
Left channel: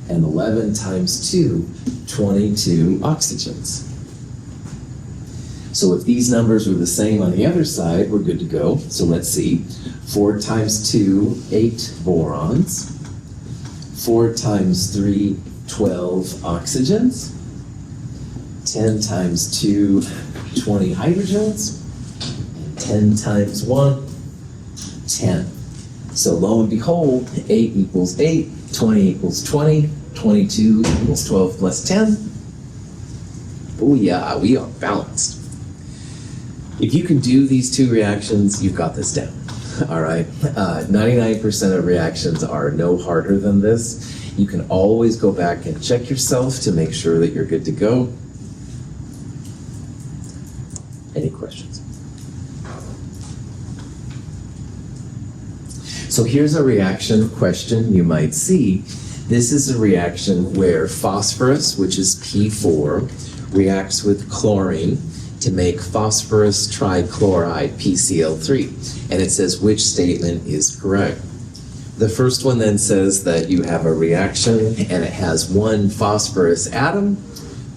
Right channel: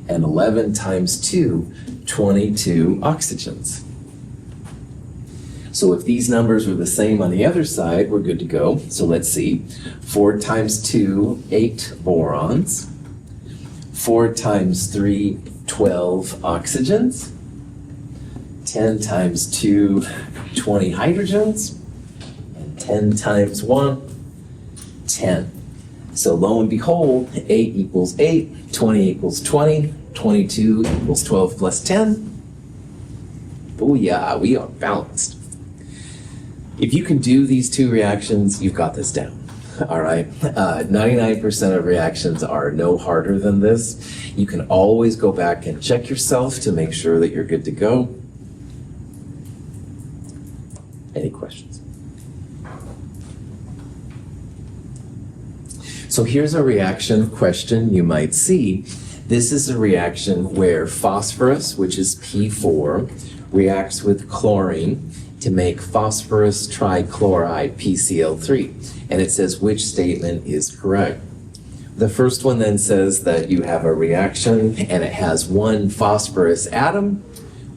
and 11 times 2, 22 oxygens. So if these numbers are the same on the other side, we're good to go. So let's see. 4 times 2, 8 borons. 4 times 3, 12 oxygens. 10 times 2, 20 hydrogens. And 10 times 1, 10. So lo and behold, 8 equals 8, 20 equals 20, 22 equals 12 plus 10. Booyah, we are balanced. If you can do these two reactions, you've got this down. All right? 99% of reactions are no harder than this. You can always go back and check yourself to make sure that you're good to go. Any questions? So here's a reaction question you might see. This is a reaction where phosphorus, which is P4, reacts with chlorine to make phosphorus trichloride, PCl3. And it says which statement is correct. The first one then says that you have a reaction and it has 1 phosphorus atom.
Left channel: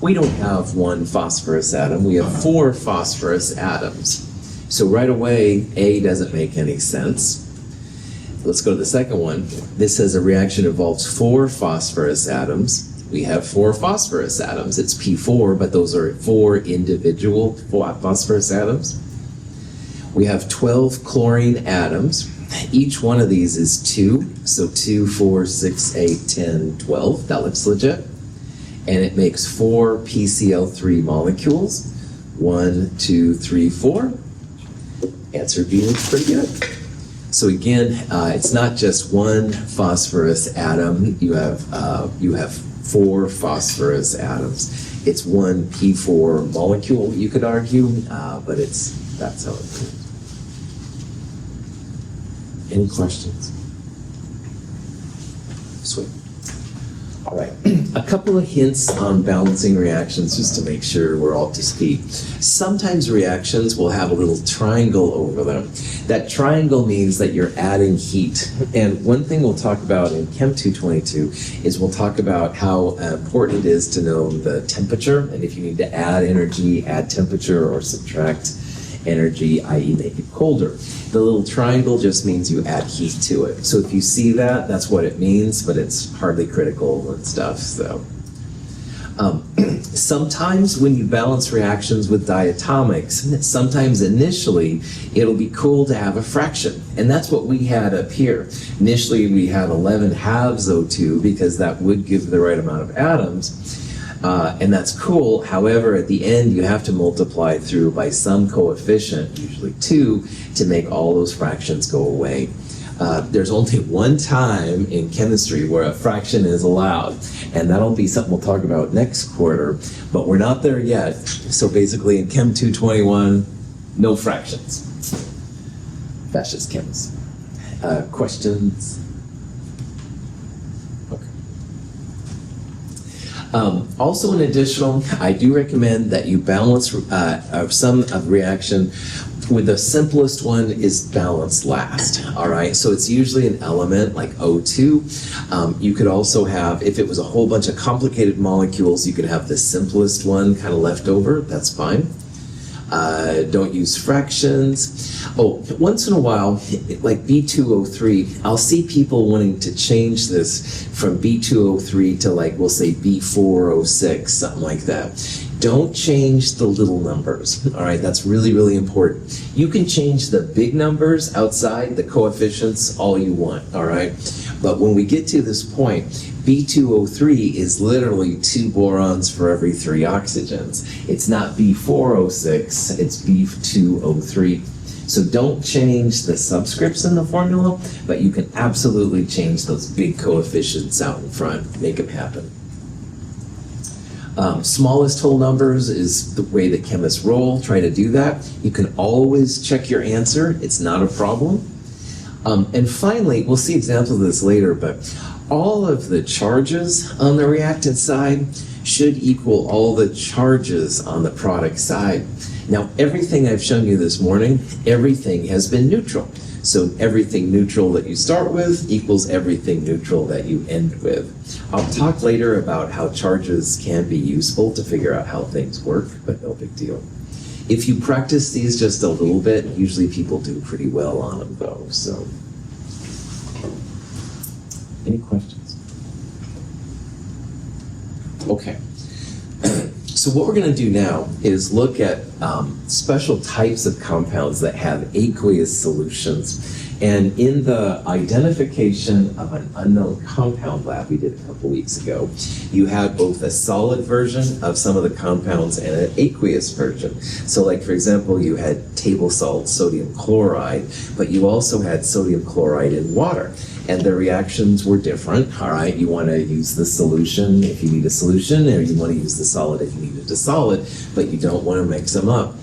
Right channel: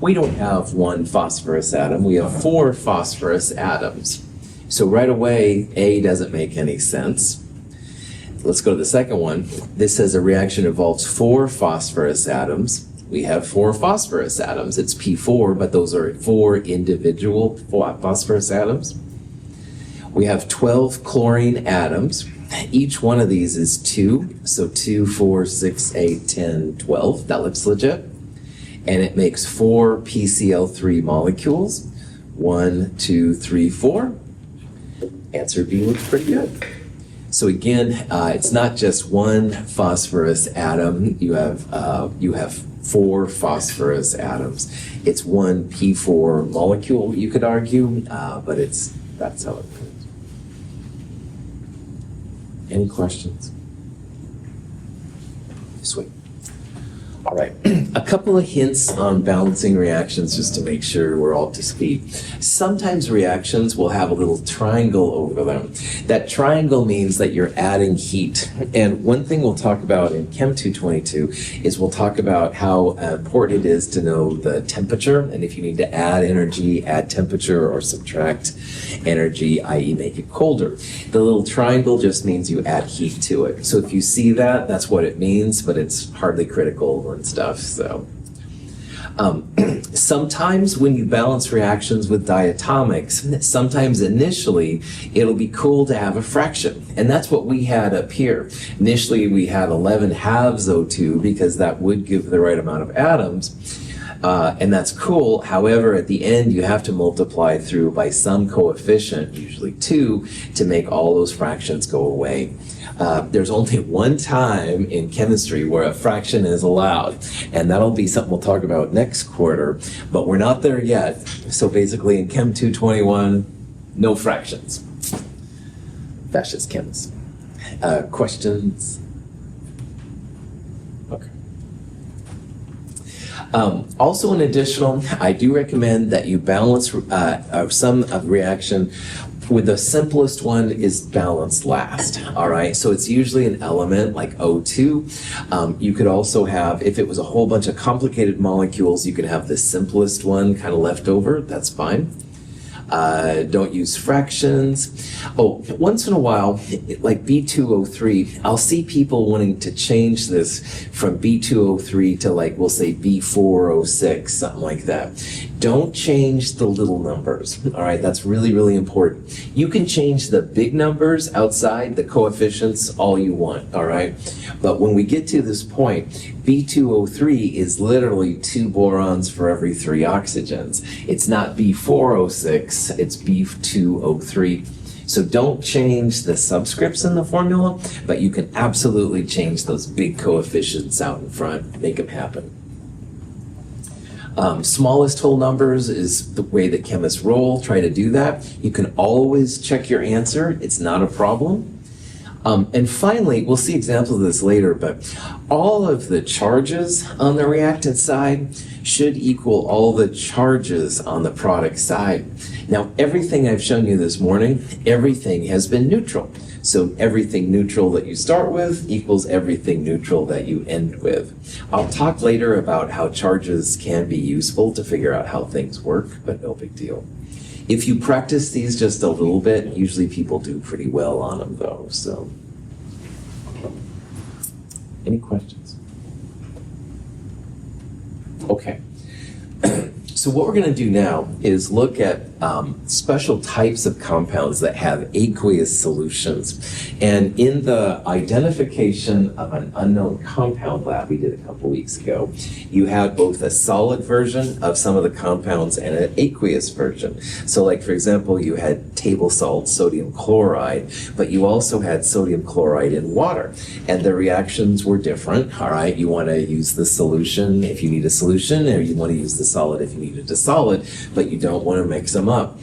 We don't have 1 phosphorus atom, we have 4 phosphorus atoms. So right away, A doesn't make any sense. Let's go to the second one. This says a reaction involves 4 phosphorus atoms. We have 4 phosphorus atoms. It's P4, but those are 4 individual phosphorus atoms. We have 12 chlorine atoms. Each one of these is 2. So 2, 4, 6, 8, 10, 12. That looks legit. And it makes 4 PCl3 molecules. 1, 2, 3, 4. Answer B looks pretty good. So again, it's not just 1 phosphorus atom. You have 4 phosphorus atoms. It's 1 P4 molecule, you could argue, but that's how it goes. Any questions? Sweet. All right, a couple of hints on balancing reactions just to make sure we're all to speed. Sometimes reactions will have a little triangle over them. That triangle means that you're adding heat. And one thing we'll talk about in Chem 222 is we'll talk about how important it is to know the temperature, and if you need to add energy, add temperature, or subtract energy, i.e. make it colder. The little triangle just means you add heat to it. So if you see that, that's what it means, but it's hardly critical and stuff. So sometimes when you balance reactions with diatomics, sometimes initially it'll be cool to have a fraction. And that's what we had up here. Initially we had 11 halves O2 because that would give the right amount of atoms. And that's cool. However, at the end, you have to multiply through by some coefficient, usually 2, to make all those fractions go away. There's only one time in chemistry where a fraction is allowed, and that'll be something we'll talk about next quarter, but we're not there yet. So basically in Chem 221, no fractions. That's just chems. Questions? Also, in additional, I do recommend that you balance some reaction with the simplest one is balanced last, all right? So it's usually an element like O2. You could also have, if it was a whole bunch of complicated molecules, you could have the simplest one kind of left over, that's fine. Don't use fractions. Oh, once in a while, like B2O3, I'll see people wanting to change this from B2O3 to, like, we'll say B4O6, something like that. Don't change the little numbers, all right? That's really, really important. You can change the big numbers outside, the coefficients, all you want, all right? But when we get to this point, B2O3 is literally 2 borons for every 3 oxygens. It's not B4O6, it's B2O3. So don't change the subscripts in the formula, but you can absolutely change those big coefficients out in front, make it happen. Smallest whole numbers is the way that chemists roll. Try to do that. You can always check your answer. It's not a problem. And finally, we'll see examples of this later, but all of the charges on the reactant side should equal all the charges on the product side. Now, everything I've shown you this morning, everything has been neutral. So everything neutral that you start with equals everything neutral that you end with. I'll talk later about how charges can be useful to figure out how things work, but no big deal. If you practice these just a little bit, usually people do pretty well on them though, so. Any questions? Okay. So what we're going to do now is look at special types of compounds that have aqueous solutions. And in the identification of an unknown compound lab we did a couple weeks ago, you had both a solid version of some of the compounds and an aqueous version. So like, for example, you had table salt sodium chloride, but you also had sodium chloride in water. And the reactions were different, all right? You want to use the solution if you need a solution, or you want to use the solid if you need it to solid, but you don't want to mix them up.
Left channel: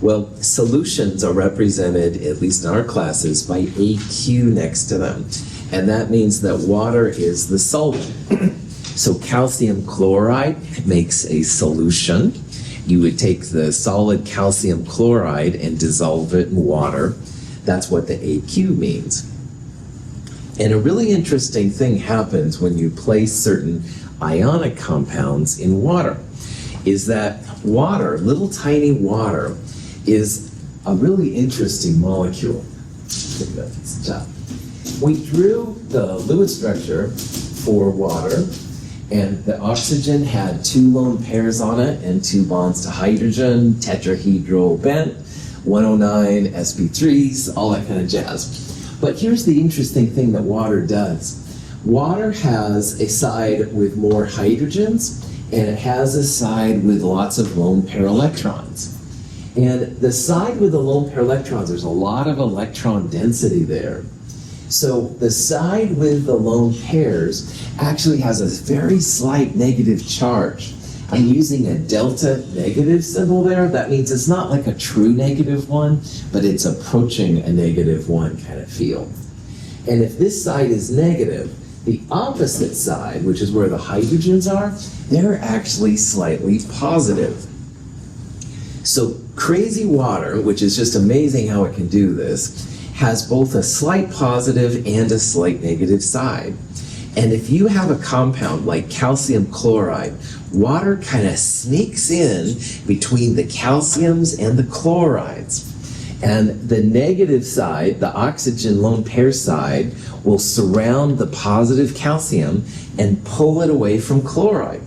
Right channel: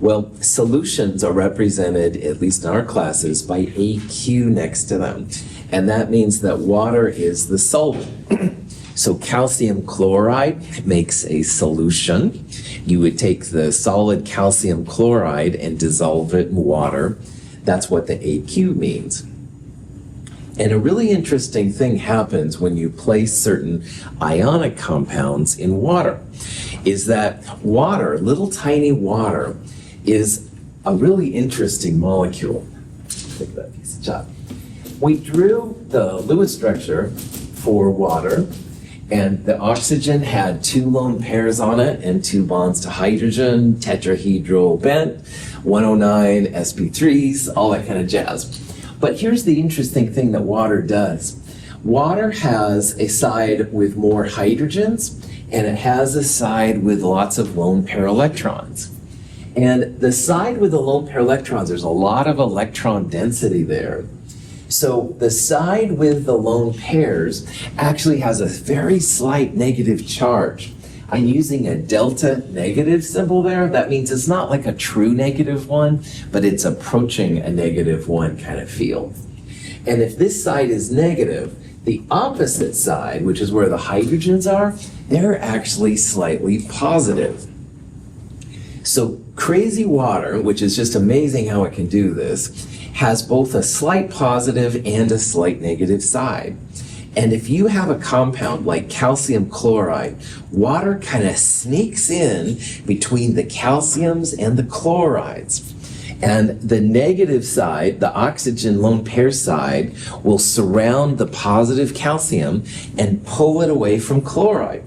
Well, solutions are represented, at least in our classes, by AQ next to them. And that means that water is the solvent. So calcium chloride makes a solution. You would take the solid calcium chloride and dissolve it in water. That's what the AQ means. And a really interesting thing happens when you place certain ionic compounds in water, is that water, little tiny water, is a really interesting molecule. Look at that piece of chalk. We drew the Lewis structure for water, and the oxygen had 2 lone pairs on it and 2 bonds to hydrogen, tetrahedral bent, 109 sp3s, all that kind of jazz. But here's the interesting thing that water does. Water has a side with more hydrogens, and it has a side with lots of lone pair electrons. And the side with the lone pair electrons, there's a lot of electron density there. So the side with the lone pairs actually has a very slight negative charge. I'm using a delta negative symbol there. That means it's not like a true negative one, but it's approaching a negative one kind of feel. And if this side is negative, the opposite side, which is where the hydrogens are, they're actually slightly positive. So crazy water, which is just amazing how it can do this, has both a slight positive and a slight negative side. And if you have a compound like calcium chloride, water kind of sneaks in between the calciums and the chlorides. And the negative side, the oxygen lone pair side, will surround the positive calcium and pull it away from chloride.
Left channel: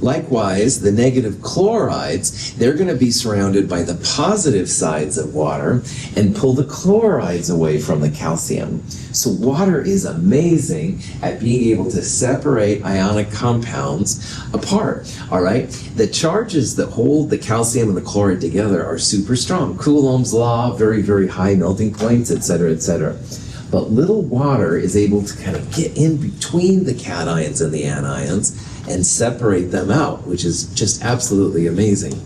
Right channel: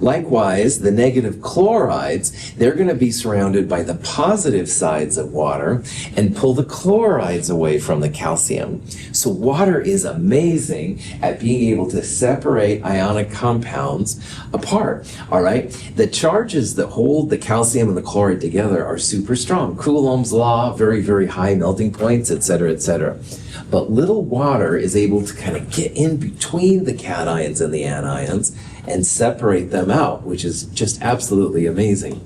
Likewise, the negative chlorides, they're going to be surrounded by the positive sides of water and pull the chlorides away from the calcium. So water is amazing at being able to separate ionic compounds apart, all right? The charges that hold the calcium and the chloride together are super strong. Coulomb's law, very, very high melting points, et cetera, et cetera. But little water is able to kind of get in between the cations and the anions and separate them out, which is just absolutely amazing.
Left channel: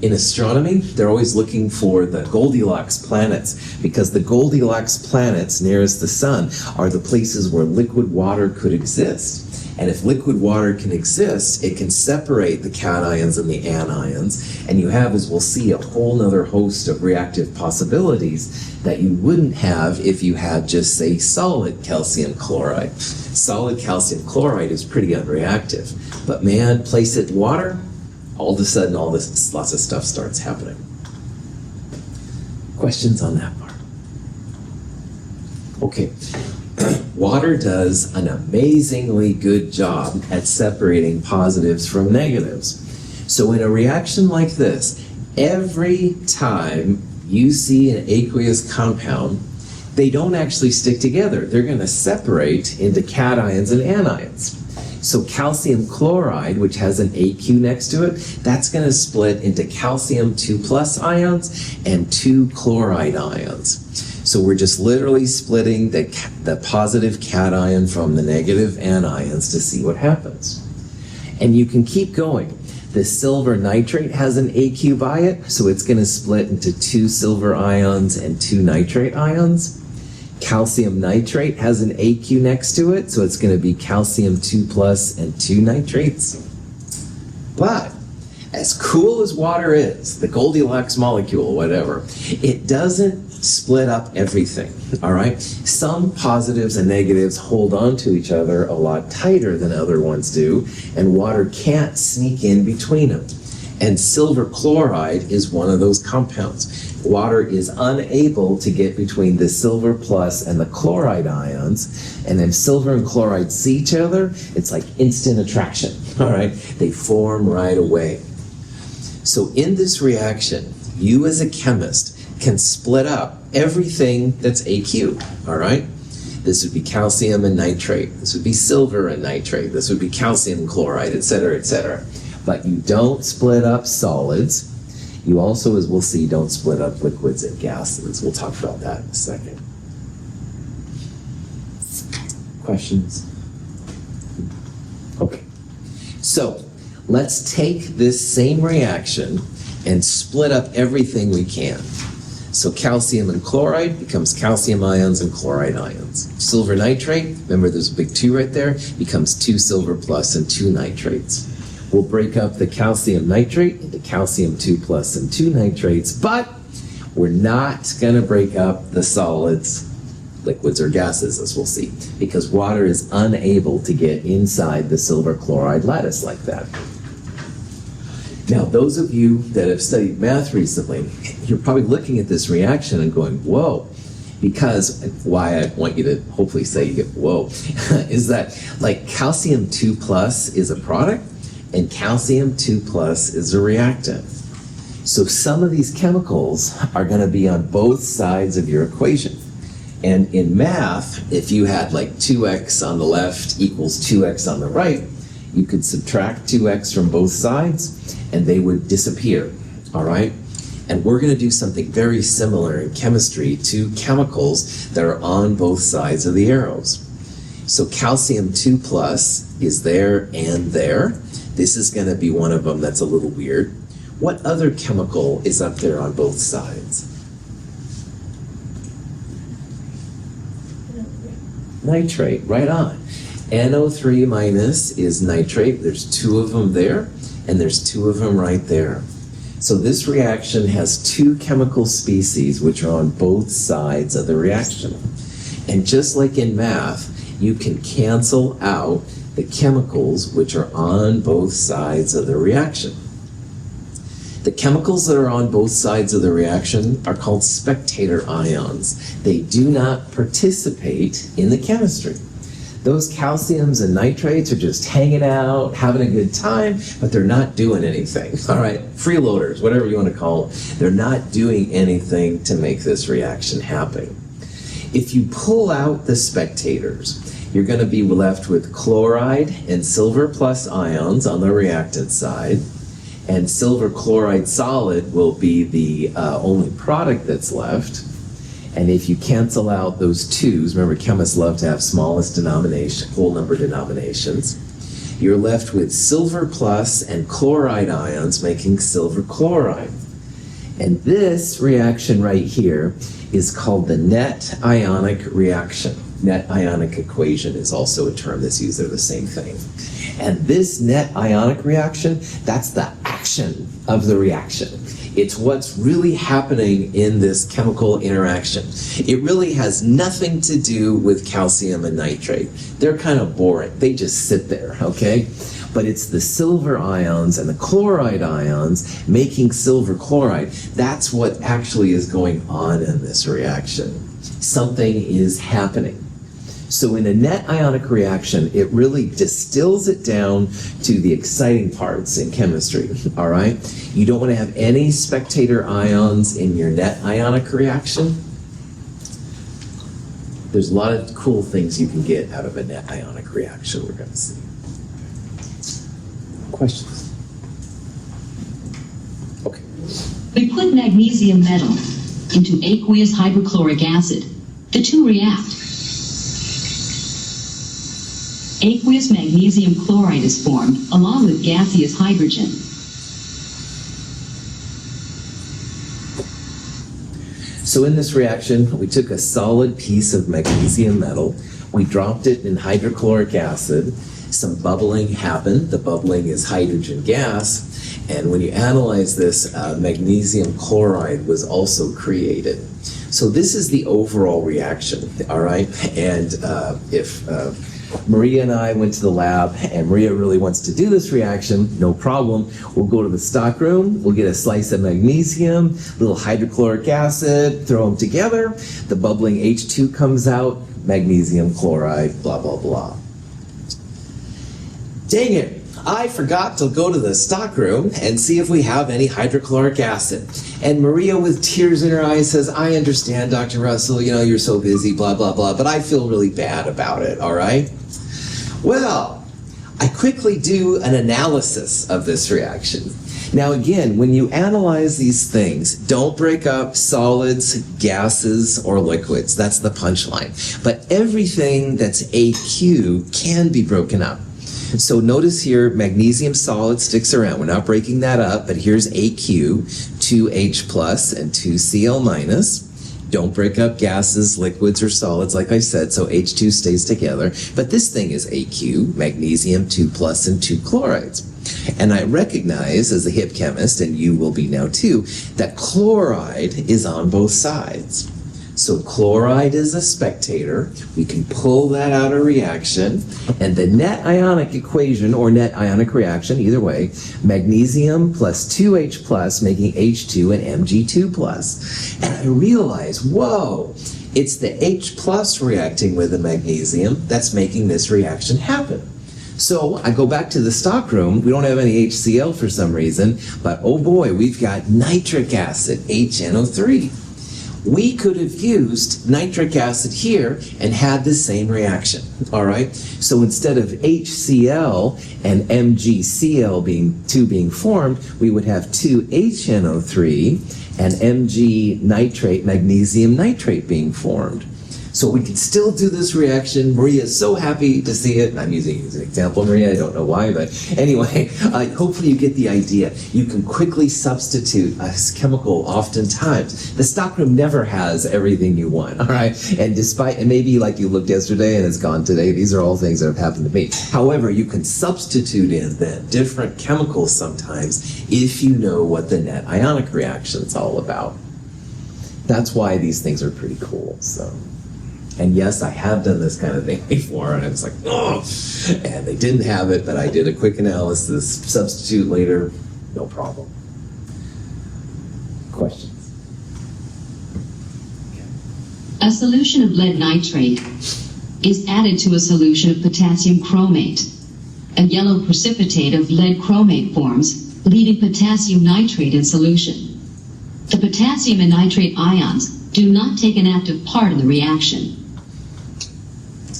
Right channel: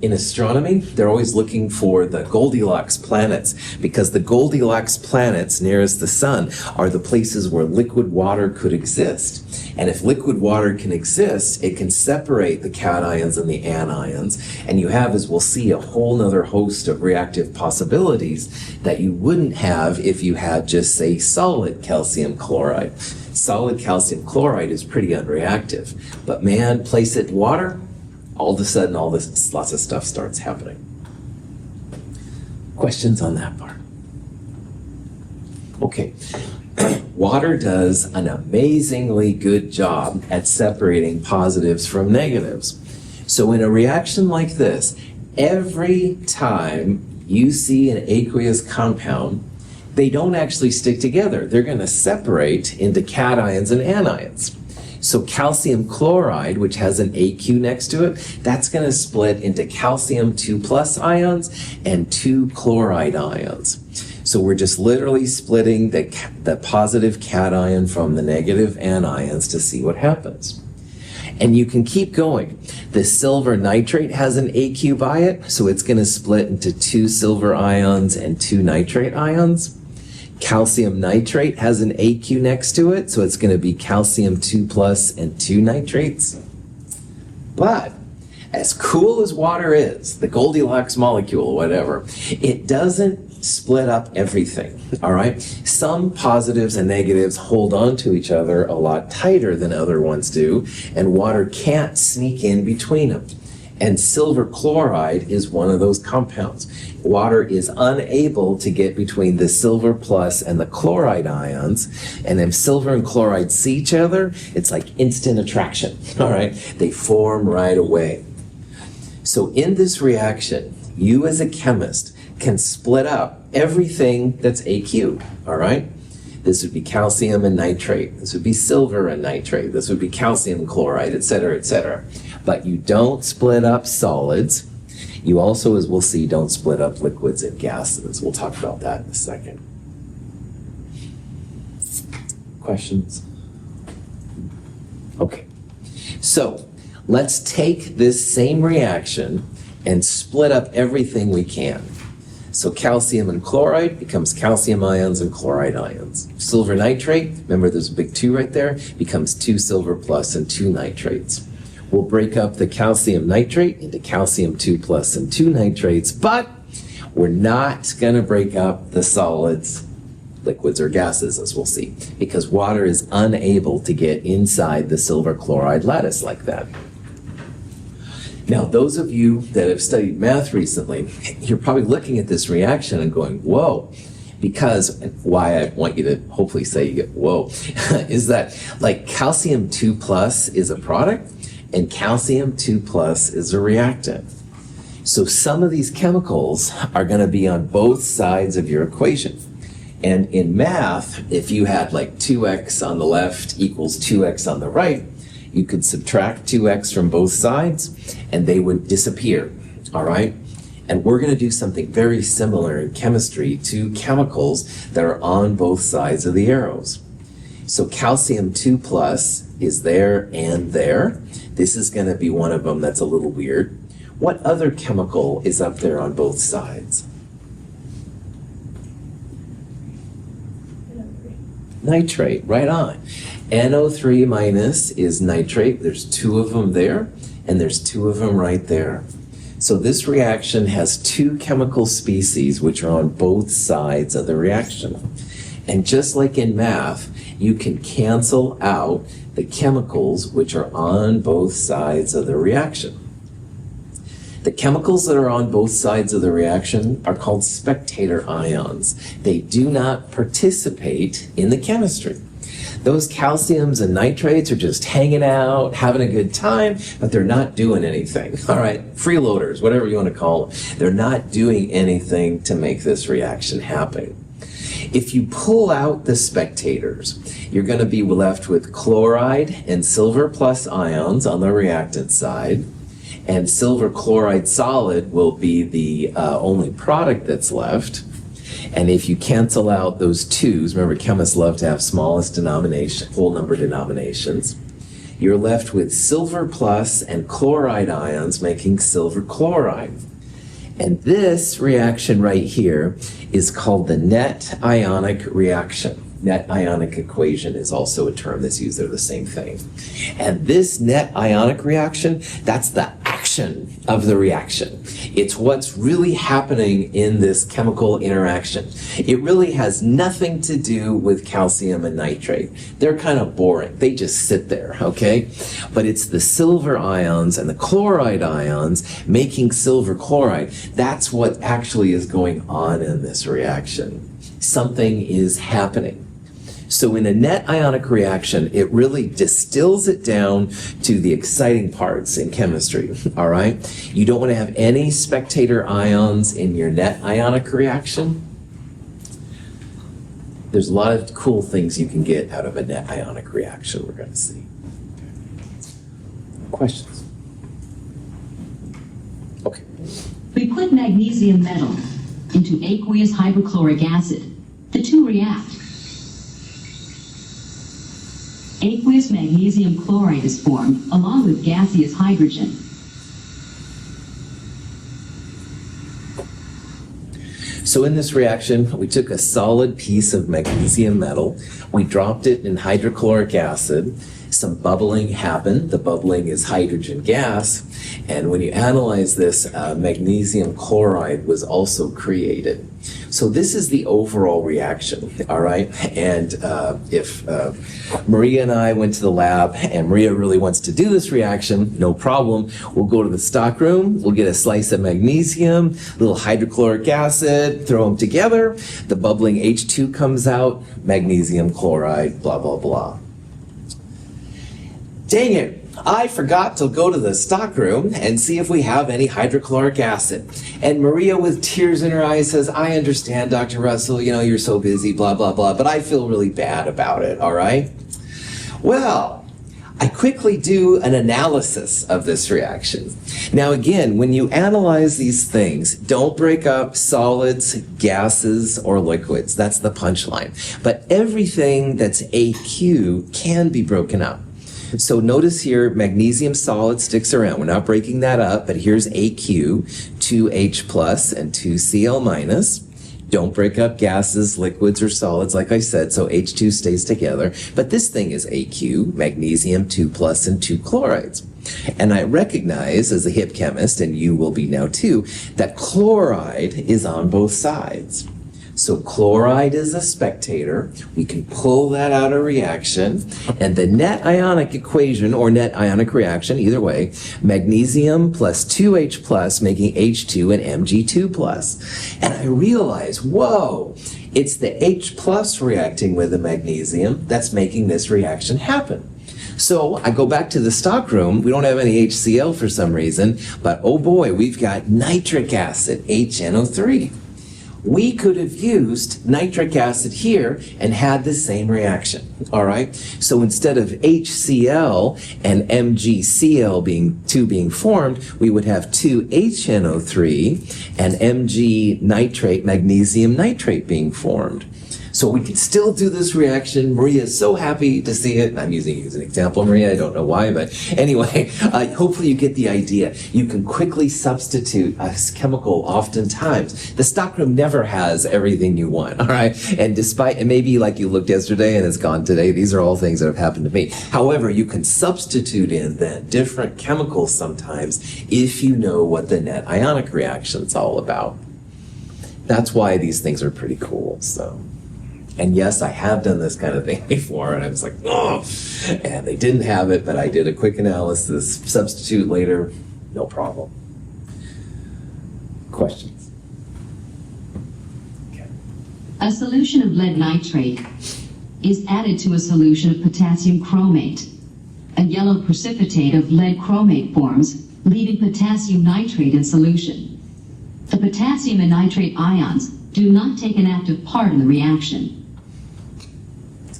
In astronomy, they're always looking for the Goldilocks planets, because the Goldilocks planets nearest the sun are the places where liquid water could exist. And if liquid water can exist, it can separate the cations and the anions, and you have, as we'll see, a whole nother host of reactive possibilities that you wouldn't have if you had just, say, solid calcium chloride. Solid calcium chloride is pretty unreactive, but man, place it in water, all of a sudden lots of stuff starts happening. Questions on that part? Okay. Water does an amazingly good job at separating positives from negatives. So in a reaction like this, every time you see an aqueous compound, they don't actually stick together. They're going to separate into cations and anions. So calcium chloride, which has an AQ next to it, that's going to split into calcium 2+ ions and 2 chloride ions. So we're just literally splitting the positive cation from the negative anions to see what happens. And you can keep going. The silver nitrate has an AQ by it, so it's going to split into 2 silver ions and 2 nitrate ions. Calcium nitrate has an AQ next to it, so it's going to be calcium 2+ and 2 nitrates. But as cool as water is, the Goldilocks molecule, whatever, it doesn't split up everything, all right? Some positives and negatives hold on to each other a lot tighter than other ones do, and water can't sneak in between them. And silver chloride is one of those compounds. Water is unable to get between the silver plus and the chloride ions, and if silver and chloride see each other, it's like instant attraction, all right? They form right away. So in this reaction, you as a chemist can split up everything that's AQ, all right? This would be calcium and nitrate. This would be silver and nitrate. This would be calcium chloride, et cetera, et cetera. But you don't split up solids. You also, as we'll see, don't split up liquids and gases. We'll talk about that in a second. Questions? Okay. So let's take this same reaction and split up everything we can. So calcium and chloride becomes calcium ions and chloride ions. Silver nitrate, remember there's a big 2 right there, becomes 2 silver plus and 2 nitrates. We'll break up the calcium nitrate into calcium 2 plus and 2 nitrates, but we're not going to break up the solids, liquids or gases, as we'll see, because water is unable to get inside the silver chloride lattice like that. Now, those of you that have studied math recently, you're probably looking at this reaction and going, whoa, because why I want you to hopefully say, whoa, is that like calcium 2 plus is a product and calcium 2 plus is a reactant. So some of these chemicals are going to be on both sides of your equation. And in math, if you had like 2x on the left equals 2x on the right, you could subtract 2x from both sides and they would disappear, all right? And we're going to do something very similar in chemistry to chemicals that are on both sides of the arrows. So calcium 2 plus is there and there. This is going to be one of them that's a little weird. What other chemical is up there on both sides? Nitrate, right on. NO3 minus is nitrate. There's 2 of them there, and there's 2 of them right there. So this reaction has 2 chemical species which are on both sides of the reaction. And just like in math, you can cancel out the chemicals which are on both sides of the reaction. The chemicals that are on both sides of the reaction are called spectator ions. They do not participate in the chemistry. Those calciums and nitrates are just hanging out, having a good time, but they're not doing anything. All right, freeloaders, whatever you want to call them. They're not doing anything to make this reaction happen. If you pull out the spectators, you're going to be left with chloride and silver plus ions on the reactant side, and silver chloride solid will be the only product that's left. And if you cancel out those 2s, remember chemists love to have smallest denomination, whole number denominations, you're left with silver plus and chloride ions making silver chloride. And this reaction right here is called the net ionic reaction. Net ionic equation is also a term that's used. They're the same thing. And this net ionic reaction, that's the action of the reaction. It's what's really happening in this chemical interaction. It really has nothing to do with calcium and nitrate. They're kind of boring. They just sit there, okay? But it's the silver ions and the chloride ions making silver chloride. That's what actually is going on in this reaction. Something is happening. So in a net ionic reaction, it really distills it down to the exciting parts in chemistry, all right? You don't want to have any spectator ions in your net ionic reaction. There's a lot of cool things you can get out of a net ionic reaction we're going to see. Questions? Okay. We put magnesium metal into aqueous hydrochloric acid. The 2 react. Aqueous magnesium chloride is formed, along with gaseous hydrogen. So in this reaction, we took a solid piece of magnesium metal, we dropped it in hydrochloric acid, some bubbling happened, the bubbling is hydrogen gas, and when you analyze this, magnesium chloride was also created. So this is the overall reaction, all right? And if Maria and I went to the lab and Maria really wants to do this reaction, no problem. We'll go to the stock room, we'll get a slice of magnesium, a little hydrochloric acid, throw them together, the bubbling H2 comes out, magnesium chloride, blah, blah, blah. Dang it, I forgot to go to the stock room and see if we have any hydrochloric acid. And Maria, with tears in her eyes, says, I understand, Dr. Russell, you know, you're so busy, blah, blah, blah, but I feel really bad about it, all right? Well, I quickly do an analysis of this reaction. Now again, when you analyze these things, don't break up solids, gases, or liquids. That's the punchline. But everything that's AQ can be broken up. So notice here, magnesium solid sticks around. We're not breaking that up, but here's AQ, 2H plus and 2Cl minus. Don't break up gases, liquids, or solids, like I said, so H2 stays together. But this thing is AQ, magnesium, 2 plus, and 2 chlorides. And I recognize, as a hip chemist, and you will be now too, that chloride is on both sides. So chloride is a spectator. We can pull that out of reaction. And the net ionic equation, or net ionic reaction, either way, magnesium plus 2H plus making H2 and Mg2 plus. And I realize, whoa, it's the H plus reacting with the magnesium that's making this reaction happen. So I go back to the stock room. We don't have any HCl for some reason, but oh boy, we've got nitric acid, HNO3. We could have used nitric acid here and had the same reaction, all right? So instead of HCl and MgCl being formed, we would have 2HNO3 and Mg nitrate, magnesium nitrate being formed. So we could still do this reaction. Maria is so happy to see it. I'm using you as an example, Maria. I don't know why, but anyway, hopefully you get the idea. You can quickly substitute a chemical oftentimes. The stockroom never has everything you want, all right? And maybe like you looked yesterday and it's gone today, these are all things that have happened to me. However, you can substitute in then different chemicals sometimes if you know what the net ionic reaction is all about. That's why these things are pretty cool, so. And yes, I have done this kind of thing before, and I was like, oh, and they didn't have it, but I did a quick analysis, substitute later, no problem. Questions? Okay. A solution of lead nitrate is added to a solution of potassium chromate. A yellow precipitate of lead chromate forms, leaving potassium nitrate in solution. The potassium and nitrate ions do not take an active part in the reaction.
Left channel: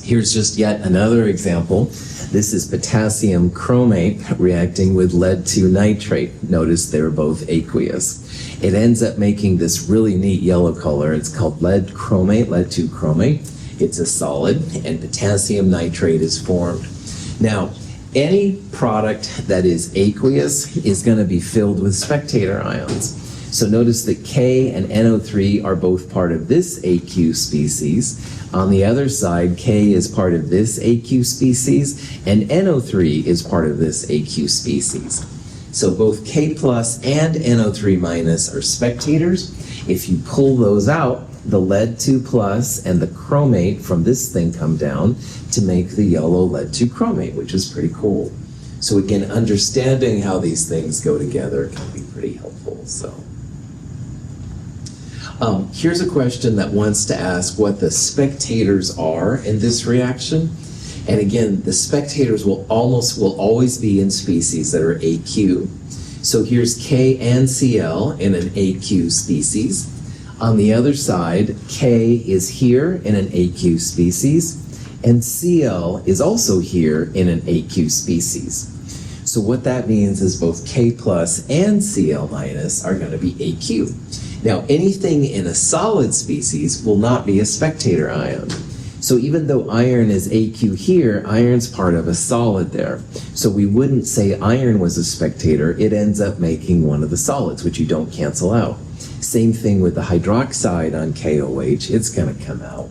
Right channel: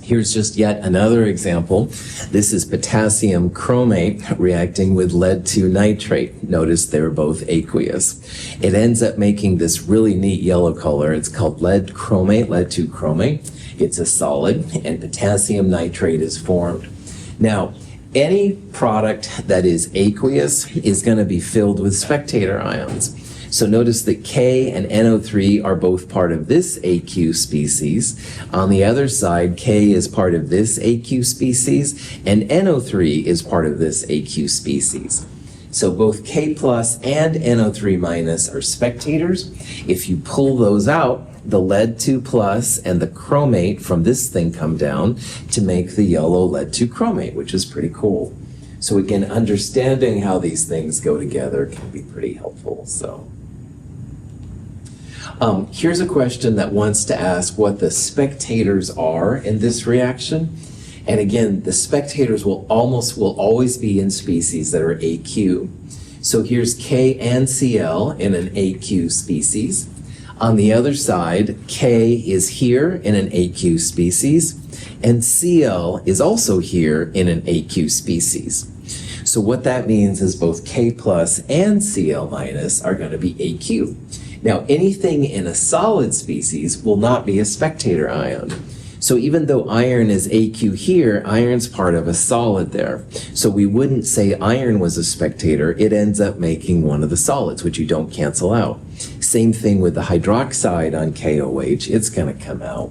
Here's just yet another example. This is potassium chromate reacting with lead 2 nitrate. Notice they're both aqueous. It ends up making this really neat yellow color. It's called lead chromate, lead 2 chromate. It's a solid, and potassium nitrate is formed. Now, any product that is aqueous is going to be filled with spectator ions. So notice that K and NO3 are both part of this AQ species. On the other side, K is part of this AQ species, and NO3 is part of this AQ species. So both K plus and NO3 minus are spectators. If you pull those out, the lead 2 plus and the chromate from this thing come down to make the yellow lead 2 chromate, which is pretty cool. So again, understanding how these things go together can be pretty helpful. So. Here's a question that wants to ask what the spectators are in this reaction. And again, the spectators will always be in species that are AQ. So here's K and Cl in an AQ species. On the other side, K is here in an AQ species, and Cl is also here in an AQ species. So what that means is both K plus and Cl minus are going to be AQ. Now, anything in a solid species will not be a spectator ion. So even though iron is AQ here, iron's part of a solid there. So we wouldn't say iron was a spectator. It ends up making one of the solids, which you don't cancel out. Same thing with the hydroxide on KOH. It's going to come out.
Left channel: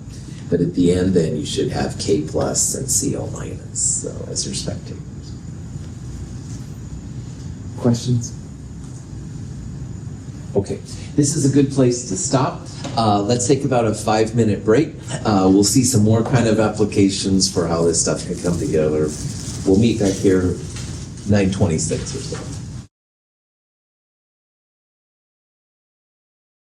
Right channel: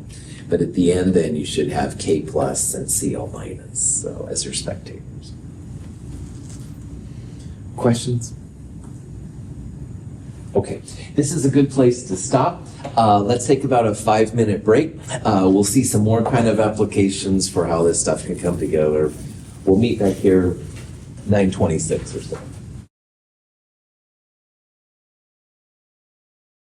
But at the end, then, you should have K plus and Cl minus as your spectators. Questions? Okay, this is a good place to stop. Let's take about a 5-minute break. We'll see some more kind of applications for how this stuff can come together. We'll meet back here 9:26 or so.